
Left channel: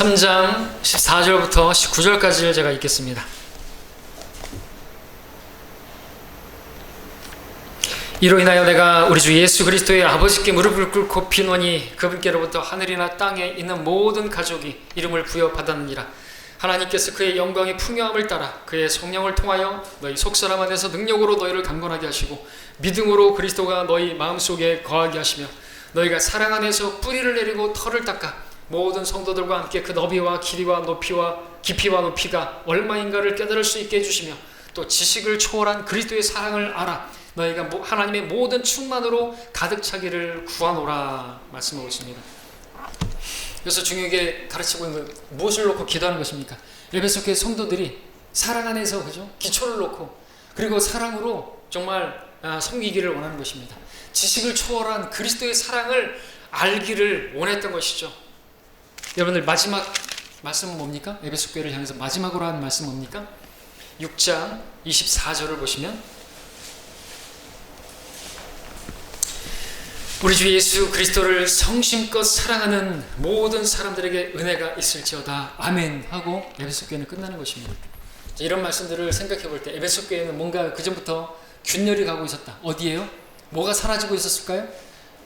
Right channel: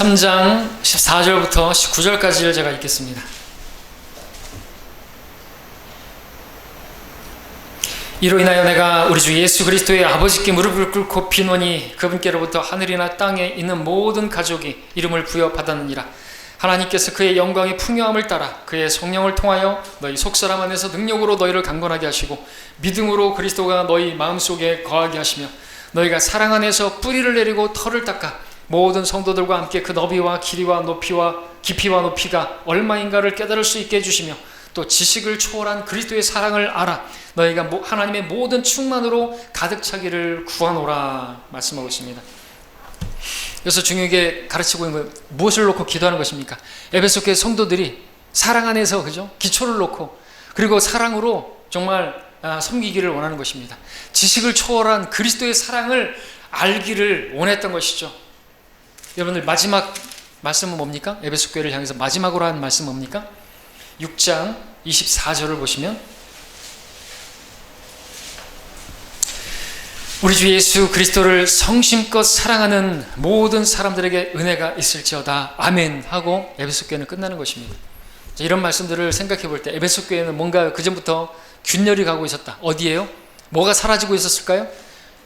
3장 14절부터 19절까지를 제가 읽겠습니다. 이로 인하여 내가 우리 주 예수 그리스도의 아버지께 무릎을 꿇고 비노니 그분께로부터 하늘이나 땅에 있는 모든 가족이 이름을 부여받았느니라. 하나님께서 그의 영광의 풍요함을 따라 그의 성령을 통하여 너희 속사람 안에서 능력으로 너희를 강건하게 하시고 믿음으로 그리스도가 너희 마음속에 거하게 하시며 너희가 사랑 안에서 뿌리를 내리고 털을 닦아 모든 성도들과 함께 그 너비와 길이와 높이와 깊이와 높이가 얼마인가를 깨달을 수 있게 해주시며 또 지식을 초월한 그리스도의 사랑을 알아 너희가 하나님의 모든 충만으로 가득 차기를 구하노라 말씀하고 있습니다. 그래서 중요하게 가르치고 있는 건 무엇을 놓고 기도하는 것입니까? 에베소 교회 성도들이 사랑 안에서 그죠? 기초를 놓고 그리고 사랑으로 정말 섬기기를 원하는 것입니다. 지식을 초월한 그리스도의 사랑을 알기를 원했던 것이죠. 여러분들 마지막 말씀은 뭡니까? 에베소 교회를 향해서 마지막으로 한 말씀은 뭡니까? 6장 24절을 보시면 우리 주 예수 그리스도를 성심껏 사랑하는 모든 사람들에게 은혜가 있을지어다 아멘 하고 에베소 교회는 끝나는 것입니다. 이런 말씀들을 생각해 볼 때 에베소 교회는 뭔가 그전부터 균열이 가고 있었다. 어디에요? 뭐가 사라지고 있었을까요?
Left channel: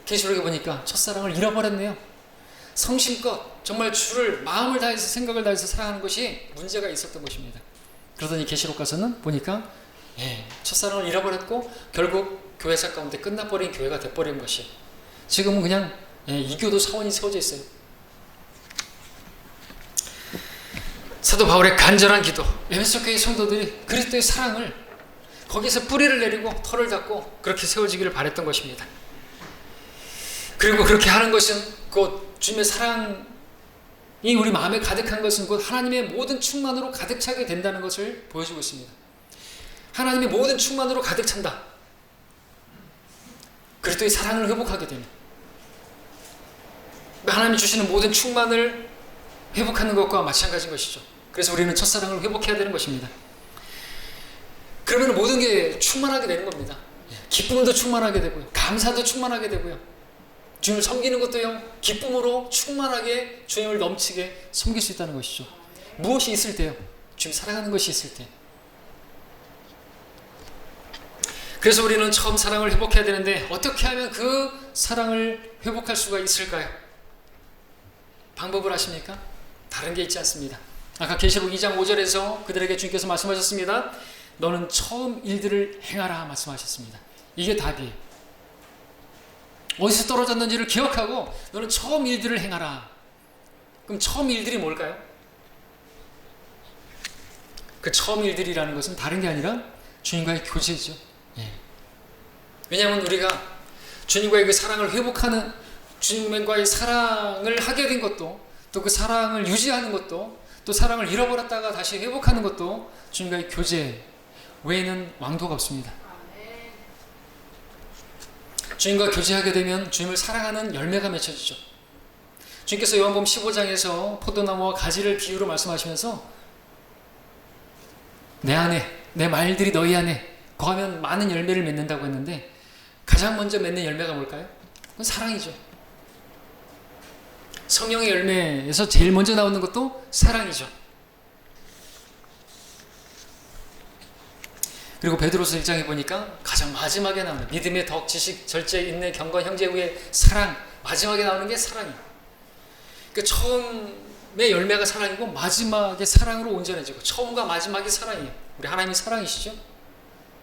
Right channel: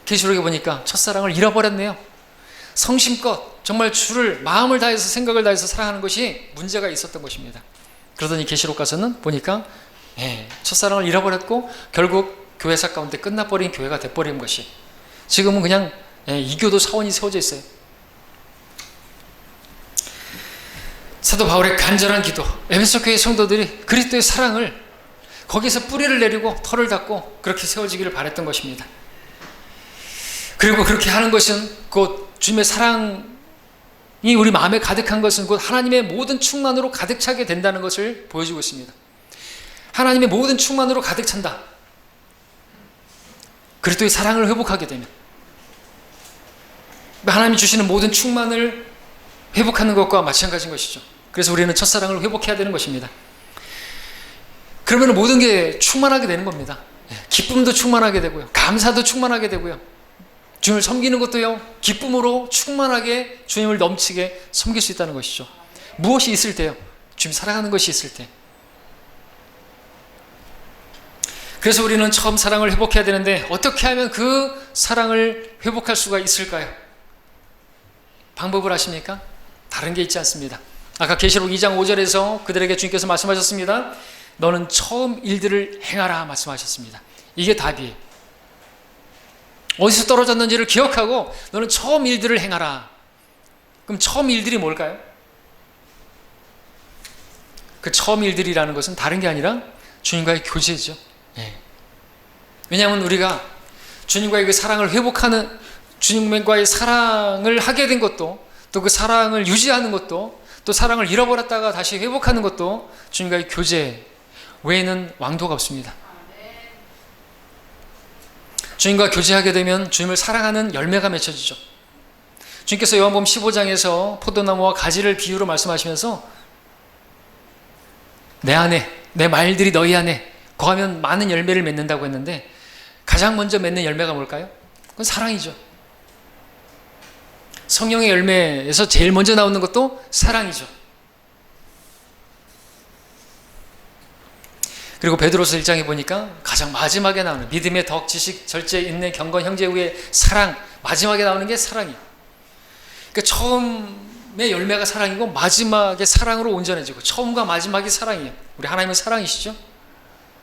계시록에 보니까 첫사랑을 잃어버렸네요. 성심껏 정말 주를 마음을 다해서 생각을 다해서 사랑하는 것이 문제가 있었던 것입니다. 그러더니 계시록 가서는 보니까 첫사랑을 잃어버렸고 결국 교회사 가운데 끝나버린 교회가 돼버린 것이 지금은 그냥 이교도 사원이 세워져 있어요. 사도 바울의 간절한 기도, 에베소 교회 성도들이 그리스도의 사랑을 거기서 뿌리를 내리고 털을 닦고 그렇게 세워지기를 바랬던 것입니다. 그리고 그렇게 하는 것은 곧 주님의 사랑이 우리 마음에 가득한 것은 곧 하나님의 모든 충만으로 가득 차게 된다는 것을 보여주고 있습니다. 하나님의 모든 충만으로 가득 찬다. 그리스도의 사랑을 회복하게 되면 하나님이 주시는 모든 충만을 회복하는 것과 마찬가지인 것이죠. 그래서 우리는 첫사랑을 회복해야 되는 것입니다. 그러면 모든 게 충만하게 되는 겁니다. 기쁨도 충만하게 되고요. 감사도 충만하게 되고요. 주님을 섬기는 것도요. 기쁨으로 충만하게 주님을 넘치게 섬길 수 있다는 것이죠. 무엇이 있을 때요? 주님 사랑하는 것이 있을 때. 그래서 우리는 처음 사랑을 회복해야 되는데 어떻게 하면 그 사랑을 회복할 수가 있을까요? 방법을 아십니까? 다른 게 있지 않습니다. 아까 계시록 2장 5절에서 그들에게 주님께서 말씀하셨습니다. 너는 처음 일들을 행하라 말씀하셨습니다. 이게 답이에요. 어디서 떨어졌는지를 기억하고 너는 처음 일들을 행하라. 그럼 처음 일들이 뭘까요? 그 처음 일들이라는 것은 다른 게 아니라 주님과의 교제죠. 왜냐하면 우리가 주님과의 그 사랑을 회복하는, 주님과의 사랑을 하게 된 것도, 또 그 사랑을 유지하는 것도, 또 사랑을 잃어버렸다가 다시 회복하는 것도 주님과의 교제 외에는 왕도가 없습니다. 주님과 교제하게 되면 주님을 사랑하는 열매가 맺혀지죠. 주님께서 요한복음 15장에서 포도나무와 가지를 비유로 말씀하시면서 내 안에, 내 말들이 너희 안에 거하면 많은 열매를 맺는다고 했는데 가장 먼저 맺는 열매가 뭘까요? 그건 사랑이죠. 성령의 열매에서 제일 먼저 나오는 것도 사랑이죠. 그리고 베드로서 1장에 보니까 가장 마지막에 나오는 믿음의 덕, 지식, 절제, 인내, 경건, 형제 후에 사랑, 마지막에 나오는 게 사랑이에요. 그러니까 처음의 열매가 사랑이고 마지막에 사랑으로 온전해지고, 처음과 마지막이 사랑이에요. 우리 하나님은 사랑이시죠?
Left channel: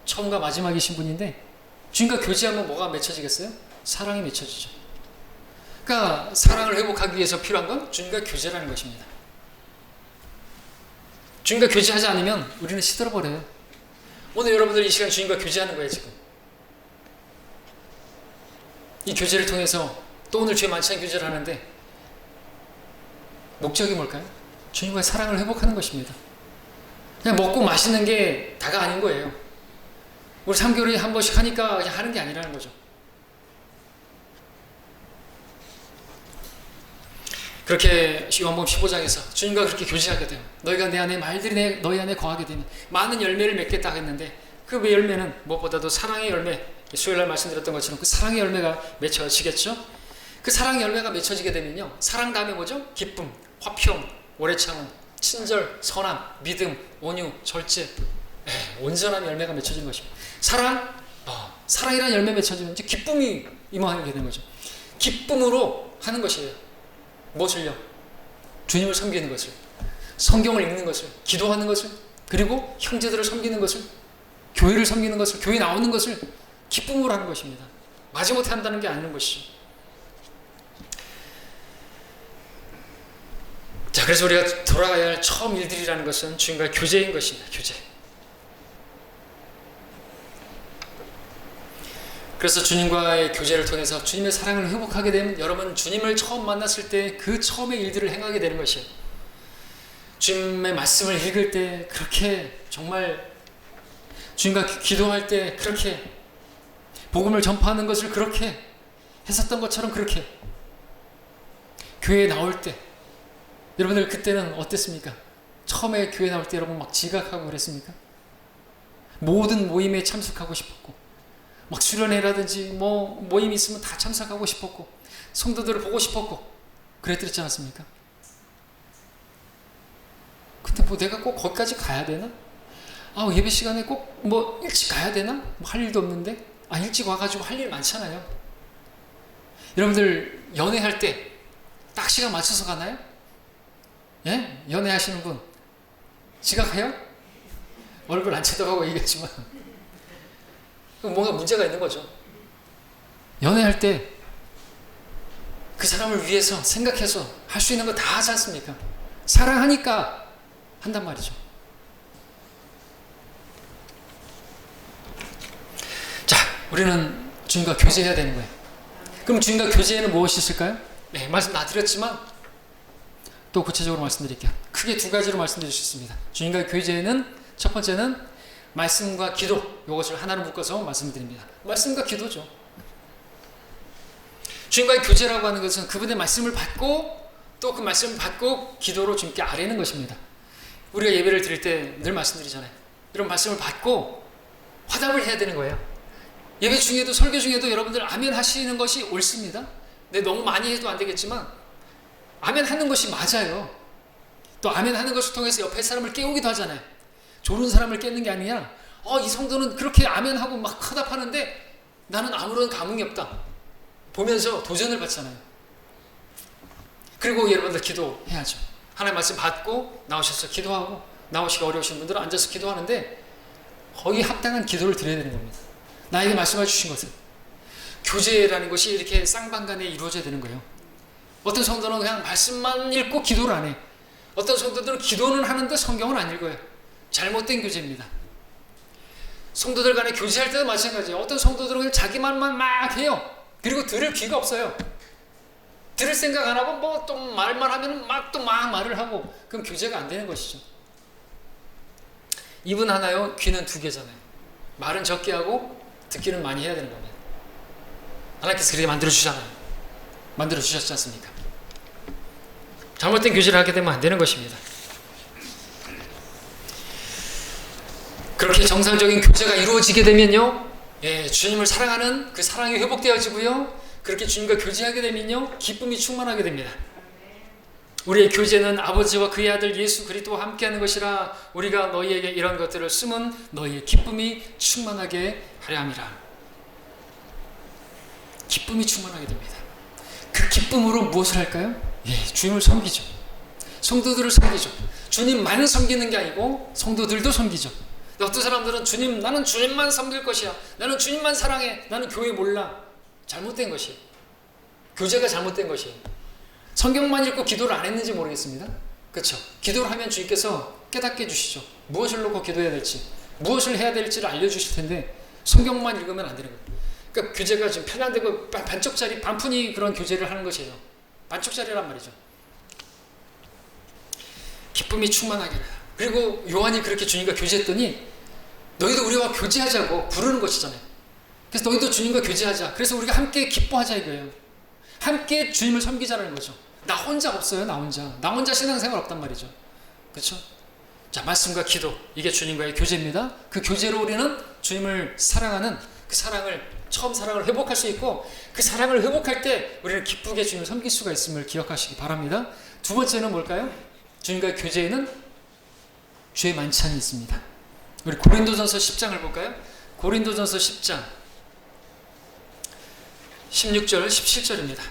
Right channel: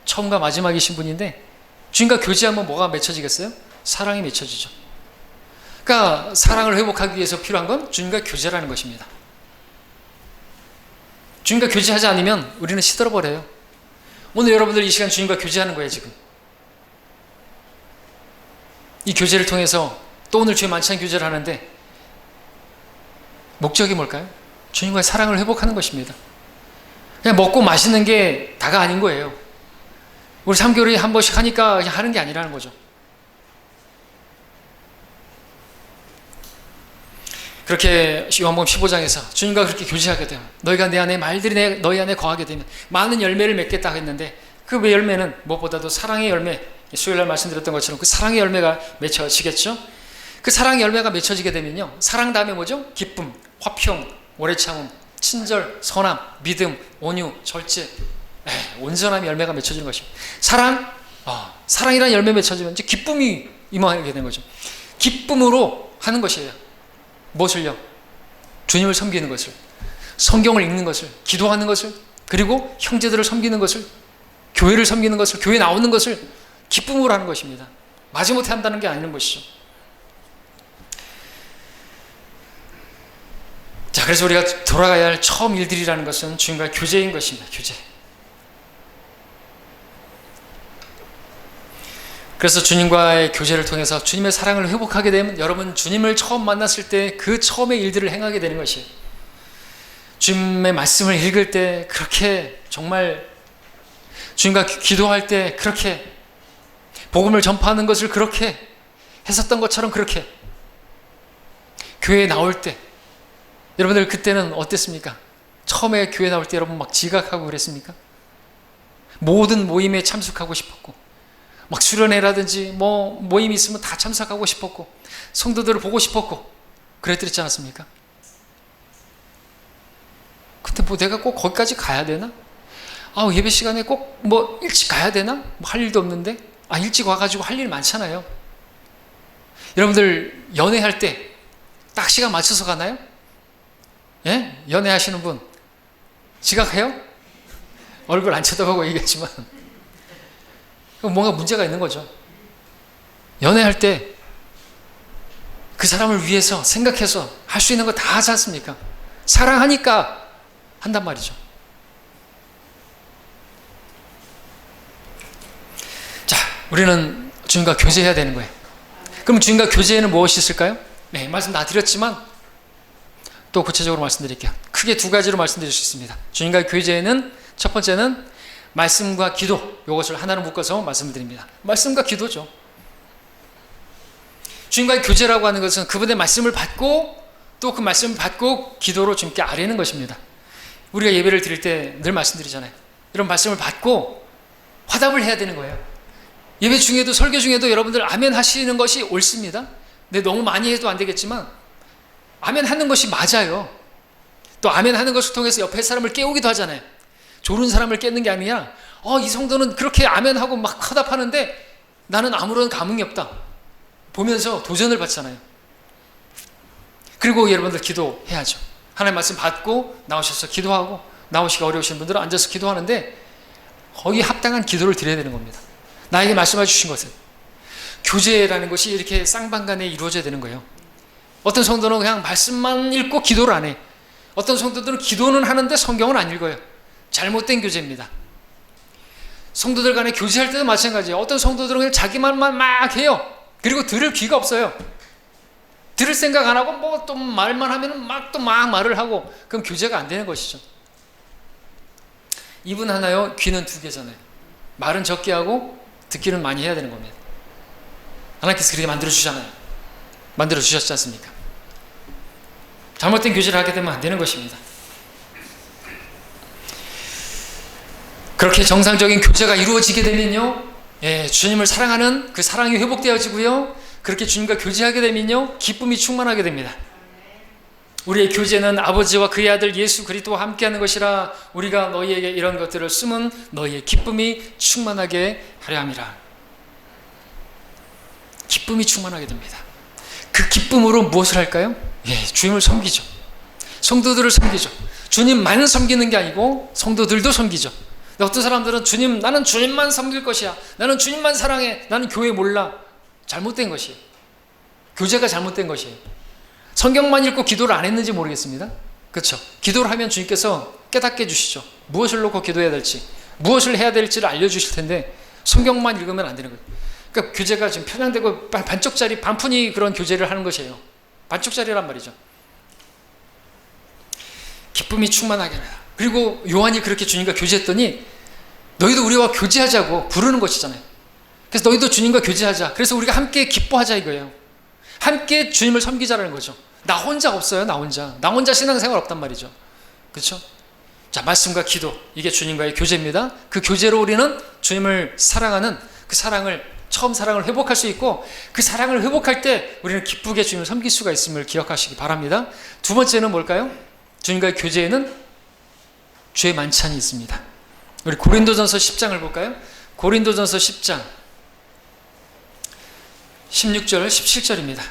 처음과 마지막이신 분인데 주님과 교제하면 뭐가 맺혀지겠어요? 사랑이 맺혀지죠. 그러니까 사랑을 회복하기 위해서 필요한 건 주님과 교제라는 것입니다. 주님과 교제하지 않으면 우리는 시들어버려요. 오늘 여러분들 이 시간 주님과 교제하는 거예요. 지금 이 교제를 통해서 또 오늘 주의 만찬 교제를 하는데 목적이 뭘까요? 주님과의 사랑을 회복하는 것입니다. 그냥 먹고 마시는 게 다가 아닌 거예요. 우리 3개월에 한 번씩 하니까 그냥 하는 게 아니라는 거죠. 그렇게 요한복음 15장에서 주님과 그렇게 교제하게 되면, 너희가 내 안에, 말들이 너희 안에 거하게 되면 많은 열매를 맺겠다고 했는데 그 열매는 무엇보다도 사랑의 열매, 수요일날 말씀드렸던 것처럼 그 사랑의 열매가 맺혀지겠죠. 그 사랑의 열매가 맺혀지게 되면요, 사랑 다음에 뭐죠? 기쁨, 화평, 오래 참음, 친절, 선함, 믿음, 온유, 절제, 온전함의 열매가 맺혀지는 것입니다. 사랑이라는 열매 맺혀지면 이제 기쁨이 임하게 되는 거죠. 기쁨으로 하는 것이에요. 무엇을요? 주님을 섬기는 것을. 성경을 읽는 것을, 기도하는 것을, 그리고 형제들을 섬기는 것을, 교회를 섬기는 것을, 교회 나오는 것을 기쁨으로 하는 것입니다. 마지못해 한다는 게 아닌 것이죠. 자, 그래서 우리가 돌아가야 할 처음 일들이라는 것은 주님과의 교제인 것입니다. 교제. 그래서 주님과의 교제를 통해서 주님의 사랑을 회복하게 되면 여러분 주님을 처음 만났을 때 그 처음의 일들을 행하게 되는 것이에요. 주님의 말씀을 읽을 때 그렇게 정말 주님과 기도할 때 그렇게 복음을 전파하는 것을 그렇게 했었던 것처럼 그렇게 교회에 나올 때 여러분들 그때는 어땠습니까? 처음에 교회 나올 때 여러분 막 지각하고 그랬습니까? 모든 모임에 참석하고 싶었고 막 수련회라든지 뭐 모임이 있으면 다 참석하고 싶었고 성도들을 보고 싶었고 그랬지 않았습니까? 근데 뭐 내가 꼭 거기까지 가야 되나? 예배 시간에 꼭 뭐 일찍 가야 되나? 뭐 할 일도 없는데 일찍 와가지고 할 일 많잖아요. 여러분들 연애할 때 딱 시간 맞춰서 가나요? 예? 연애하시는 분 지각해요? 얼굴 안 쳐다보고 얘기하지만 뭔가 문제가 있는 거죠. 연애할 때 그 사람을 위해서 생각해서 할 수 있는 거 다 하지 않습니까? 사랑하니까 한단 말이죠. 자, 우리는 주님과 교제해야 되는 거예요. 그럼 주님과 교제에는 무엇이 있을까요? 네, 말씀 다 드렸지만 또 구체적으로 말씀드릴게요. 크게 두 가지로 말씀드릴 수 있습니다. 주님과 교제에는 첫 번째는 말씀과 기도, 이것을 하나로 묶어서 말씀을 드립니다. 말씀과 기도죠. 주님과의 교제라고 하는 것은 그분의 말씀을 받고 또 그 말씀을 받고 기도로 주님께 아뢰는 것입니다. 우리가 예배를 드릴 때 늘 말씀드리잖아요. 이런 말씀을 받고 화답을 해야 되는 거예요. 예배 중에도 설교 중에도 여러분들 아멘 하시는 것이 옳습니다. 근데 너무 많이 해도 안 되겠지만 아멘 하는 것이 맞아요. 또 아멘 하는 것을 통해서 옆에 사람을 깨우기도 하잖아요. 졸은 사람을 깨는 게 아니라 이 성도는 그렇게 아멘하고 막 화답하는데 나는 아무런 감흥이 없다 보면서 도전을 받잖아요. 그리고 여러분들 기도해야죠. 하나님 말씀 받고 나오셔서 기도하고 나오시기 어려우신 분들은 앉아서 기도하는데 거기 합당한 기도를 드려야 되는 겁니다. 나에게 말씀해 주신 것은 교제라는 것이 이렇게 쌍방간에 이루어져야 되는 거예요. 어떤 성도는 그냥 말씀만 읽고 기도를 안 해. 어떤 성도들은 기도는 하는데 성경을 안 읽어요. 잘못된 교제입니다. 성도들 간에 교제할 때도 마찬가지예요. 어떤 성도들은 그냥 자기 말만 막 해요. 그리고 들을 귀가 없어요. 들을 생각 안 하고 뭐 또 말만 하면 막 말을 하고 그럼 교제가 안 되는 것이죠. 입은 하나요, 귀는 두 개잖아요. 말은 적게 하고 듣기는 많이 해야 되는 겁니다. 하나님께서 그렇게 만들어주잖아요. 만들어주셨지 않습니까? 잘못된 교제를 하게 되면 안 되는 것입니다. 그렇게 정상적인 교제가 이루어지게 되면요, 주님을 사랑하는 그 사랑이 회복되어지고요, 그렇게 주님과 교제하게 되면요, 기쁨이 충만하게 됩니다. 우리의 교제는 아버지와 그의 아들 예수 그리스도와 함께하는 것이라 우리가 너희에게 이런 것들을 쓰면 너희의 기쁨이 충만하게 하려 함이라. 기쁨이 충만하게 됩니다. 그 기쁨으로 무엇을 할까요? 주님을 섬기죠. 성도들을 섬기죠. 주님만 섬기는 게 아니고 성도들도 섬기죠. 어떤 사람들은 나는 주님만 섬길 것이야. 나는 주님만 사랑해. 나는 교회 몰라. 잘못된 것이에요. 교제가 잘못된 것이에요. 성경만 읽고 기도를 안 했는지 모르겠습니다. 그렇죠? 기도를 하면 주님께서 깨닫게 해주시죠. 무엇을 놓고 기도해야 될지, 무엇을 해야 될지를 알려주실 텐데 성경만 읽으면 안 되는 거예요. 그러니까 교제가 지금 편향되고 반쪽짜리, 반푼이 그런 교제를 하는 것이에요. 반쪽짜리란 말이죠. 기쁨이 충만하게 하라. 그리고 요한이 그렇게 주님과 교제했더니 너희도 우리와 교제하자고 부르는 것이잖아요. 그래서 너희도 주님과 교제하자. 그래서 우리가 함께 기뻐하자 이거예요. 함께 주님을 섬기자라는 거죠. 나 혼자 없어요. 나 혼자 신앙생활 없단 말이죠. 그렇죠? 자, 말씀과 기도, 이게 주님과의 교제입니다. 그 교제로 우리는 주님을 사랑하는 그 처음 사랑을 회복할 수 있고, 그 사랑을 회복할 때 우리는 기쁘게 주님을 섬길 수가 있음을 기억하시기 바랍니다. 두 번째는 뭘까요? 주님과의 교제에는 죄 만찬이 있습니다. 우리 고린도전서 10장을 볼까요? 고린도전서 10장 16절 17절입니다.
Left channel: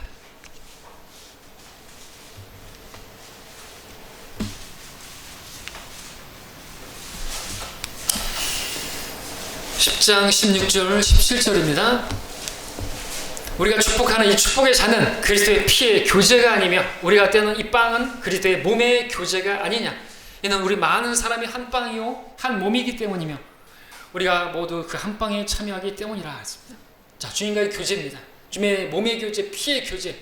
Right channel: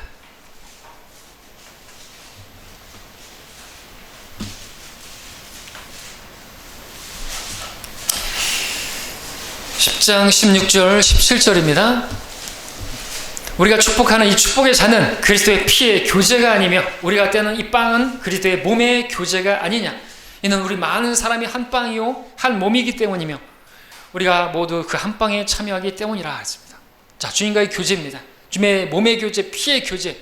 10장 16절 17절입니다. 우리가 축복하는 이 축복의 잔은 그리스도의 피의 교제가 아니며 우리가 떼는 이 빵은 그리스도의 몸의 교제가 아니냐. 이는 우리 많은 사람이 한 빵이요 한 몸이기 때문이며 우리가 모두 그 한 빵에 참여하기 때문이라 했습니다. 자, 주님과의 교제입니다. 주님의 몸의 교제, 피의 교제.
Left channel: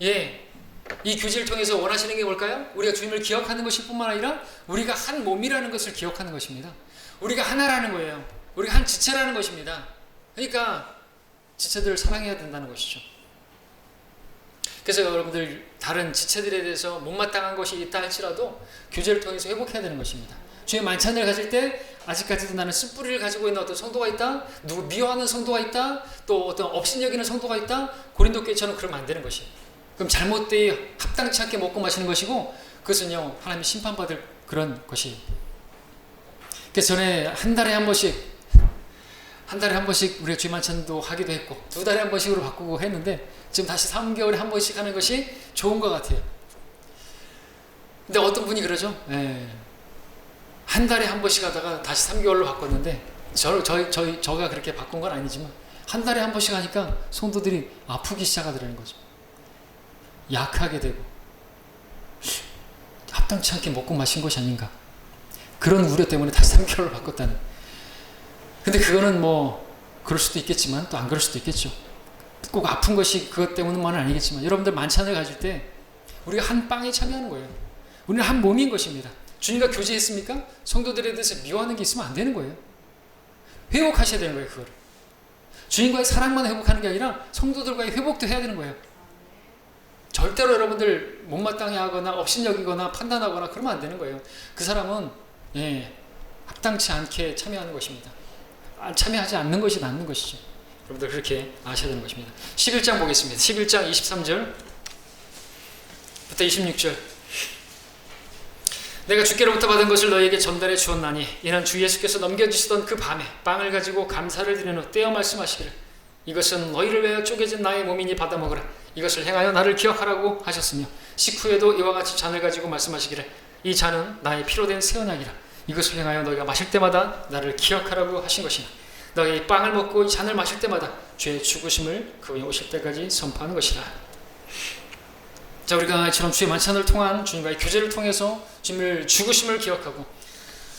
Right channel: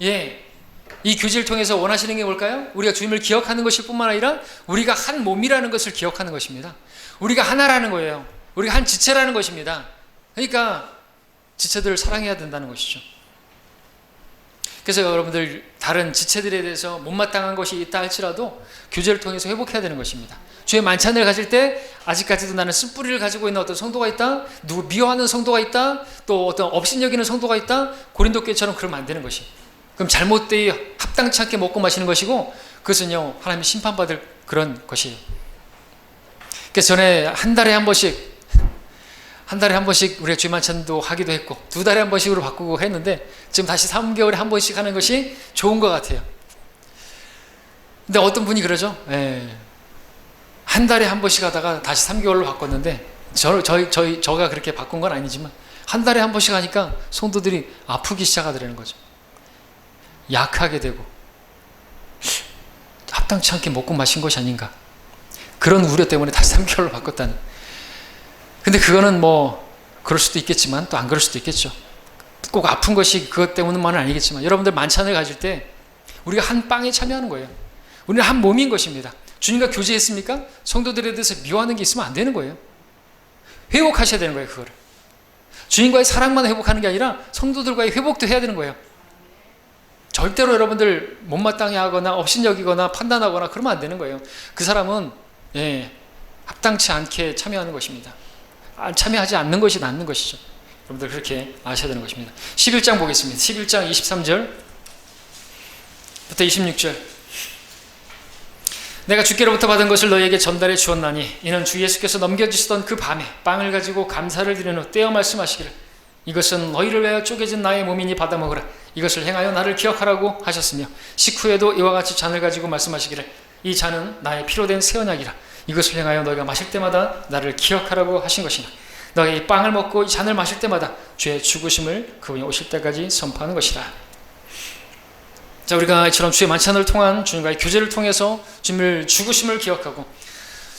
이 교제를 통해서 원하시는 게 뭘까요? 우리가 주님을 기억하는 것일 뿐만 아니라 우리가 한 몸이라는 것을 기억하는 것입니다. 우리가 하나라는 거예요. 우리가 한 지체라는 것입니다. 그러니까 지체들을 사랑해야 된다는 것이죠. 그래서 여러분들 다른 지체들에 대해서 못마땅한 것이 있다 할지라도 교제를 통해서 회복해야 되는 것입니다. 주의 만찬을 가질 때 아직까지도 나는 쓴뿌리를 가지고 있는 어떤 성도가 있다, 누구 미워하는 성도가 있다, 또 어떤 업신여기는 성도가 있다, 고린도 교회처럼 그러면 안 되는 것이. 그럼 잘못되이 합당치 않게 먹고 마시는 것이고 그것은요 하나님이 심판받을 그런 것이. 그래서 전에 한 달에 한 번씩 우리가 주의 만찬도 하기도 했고 2달에 한 번씩으로 바꾸고 했는데 지금 다시 3개월에 한 번씩 하는 것이 좋은 것 같아요. 근데 어떤 분이 그러죠. 한 달에 한 번씩 하다가 다시 3개월로 바꿨는데 저가 그렇게 바꾼 건 아니지만 한 달에 한 번씩 하니까 성도들이 아프기 시작하더라는 거죠. 약하게 되고 합당치 않게 먹고 마신 것이 아닌가, 그런 우려 때문에 다시 3개월로 바꿨다는. 근데 그거는 뭐 그럴 수도 있겠지만 또 안 그럴 수도 있겠죠. 꼭 아픈 것이 그것 때문만은 아니겠지만 여러분들 만찬을 가질 때 우리가 한 빵에 참여하는 거예요. 우리는 한 몸인 것입니다. 주님과 교제했습니까? 성도들에 대해서 미워하는 게 있으면 안 되는 거예요. 회복하셔야 되는 거예요. 그거를 주님과의 사랑만 회복하는 게 아니라 성도들과의 회복도 해야 되는 거예요. 절대로 여러분들 못마땅해 하거나 업신여기거나 판단하거나 그러면 안 되는 거예요. 그 사람은 합당치 않게 참여하는 것입니다. 참여하지 않는 것이 낫는 것이죠. 여러분들 그렇게 아셔야 되는 것입니다. 11장 보겠습니다. 11장 23절부터 26절. 내가 주께로부터 받은 것을 너희에게 전달해 주었나니 이는 주 예수께서 넘겨주시던 그 밤에 빵을 가지고 감사를 드린 후 떼어 말씀하시기를 이것은 너희를 위하여 쪼개진 나의 몸이니 받아 먹으라. 이것을 행하여 나를 기억하라고 하셨으며 식후에도 이와 같이 잔을 가지고 말씀하시기를 이 잔은 나의 피로 된 새 언약이라. 이것을 행하여 너희가 마실 때마다 나를 기억하라고 하신 것이나 너희 이 빵을 먹고 이 잔을 마실 때마다 주의 죽으심을 그분이 오실 때까지 선포하는 것이라. 자, 우리가 이처럼 주의 만찬을 통한 주님과의 교제를 통해서 주님을 죽으심을 기억하고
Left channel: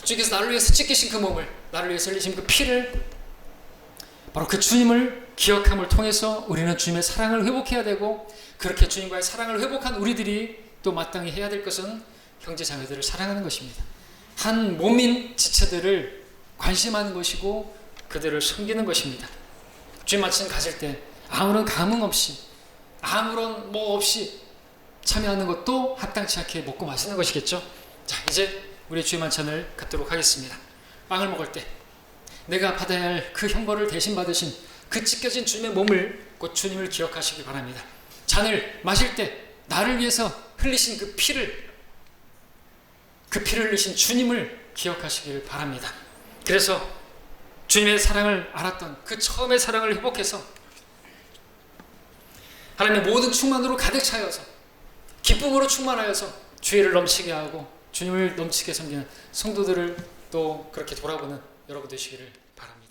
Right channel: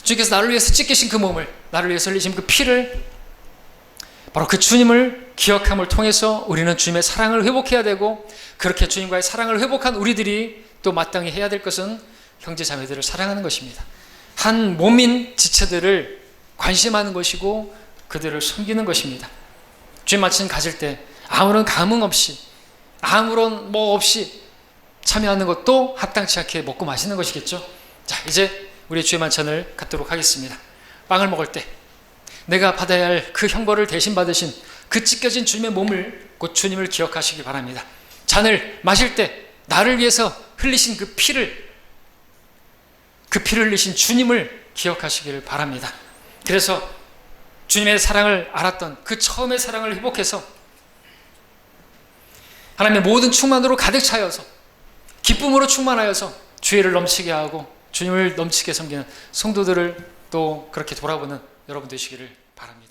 주님께서 나를 위해서 찢기신 그 몸을, 나를 위해서 흘리신 그 피를, 바로 그 주님을 기억함을 통해서 우리는 주님의 사랑을 회복해야 되고, 그렇게 주님과의 사랑을 회복한 우리들이 또 마땅히 해야 될 것은 형제 자매들을 사랑하는 것입니다. 한 몸인 지체들을 관심하는 것이고 그들을 섬기는 것입니다. 주의 만찬 가질 때 아무런 감흥 없이, 아무런 뭐 없이 참여하는 것도 합당치 않게 먹고 마시는 것이겠죠. 자, 이제 우리 주의 만찬을 갖도록 하겠습니다. 빵을 먹을 때 내가 받아야 할 그 형벌을 대신 받으신 그 찢겨진 주님의 몸을, 곧 주님을 기억하시기 바랍니다. 잔을 마실 때 나를 위해서 흘리신 그 피를 흘리신 주님을 기억하시기를 바랍니다. 그래서 주님의 사랑을 알았던 그 처음의 사랑을 회복해서 하나님의 모든 충만으로 가득 차여서 기쁨으로 충만하여서 주의를 넘치게 하고 주님을 넘치게 섬기는 성도들을 또 그렇게 돌아보는 여러분 되시기를 바랍니다.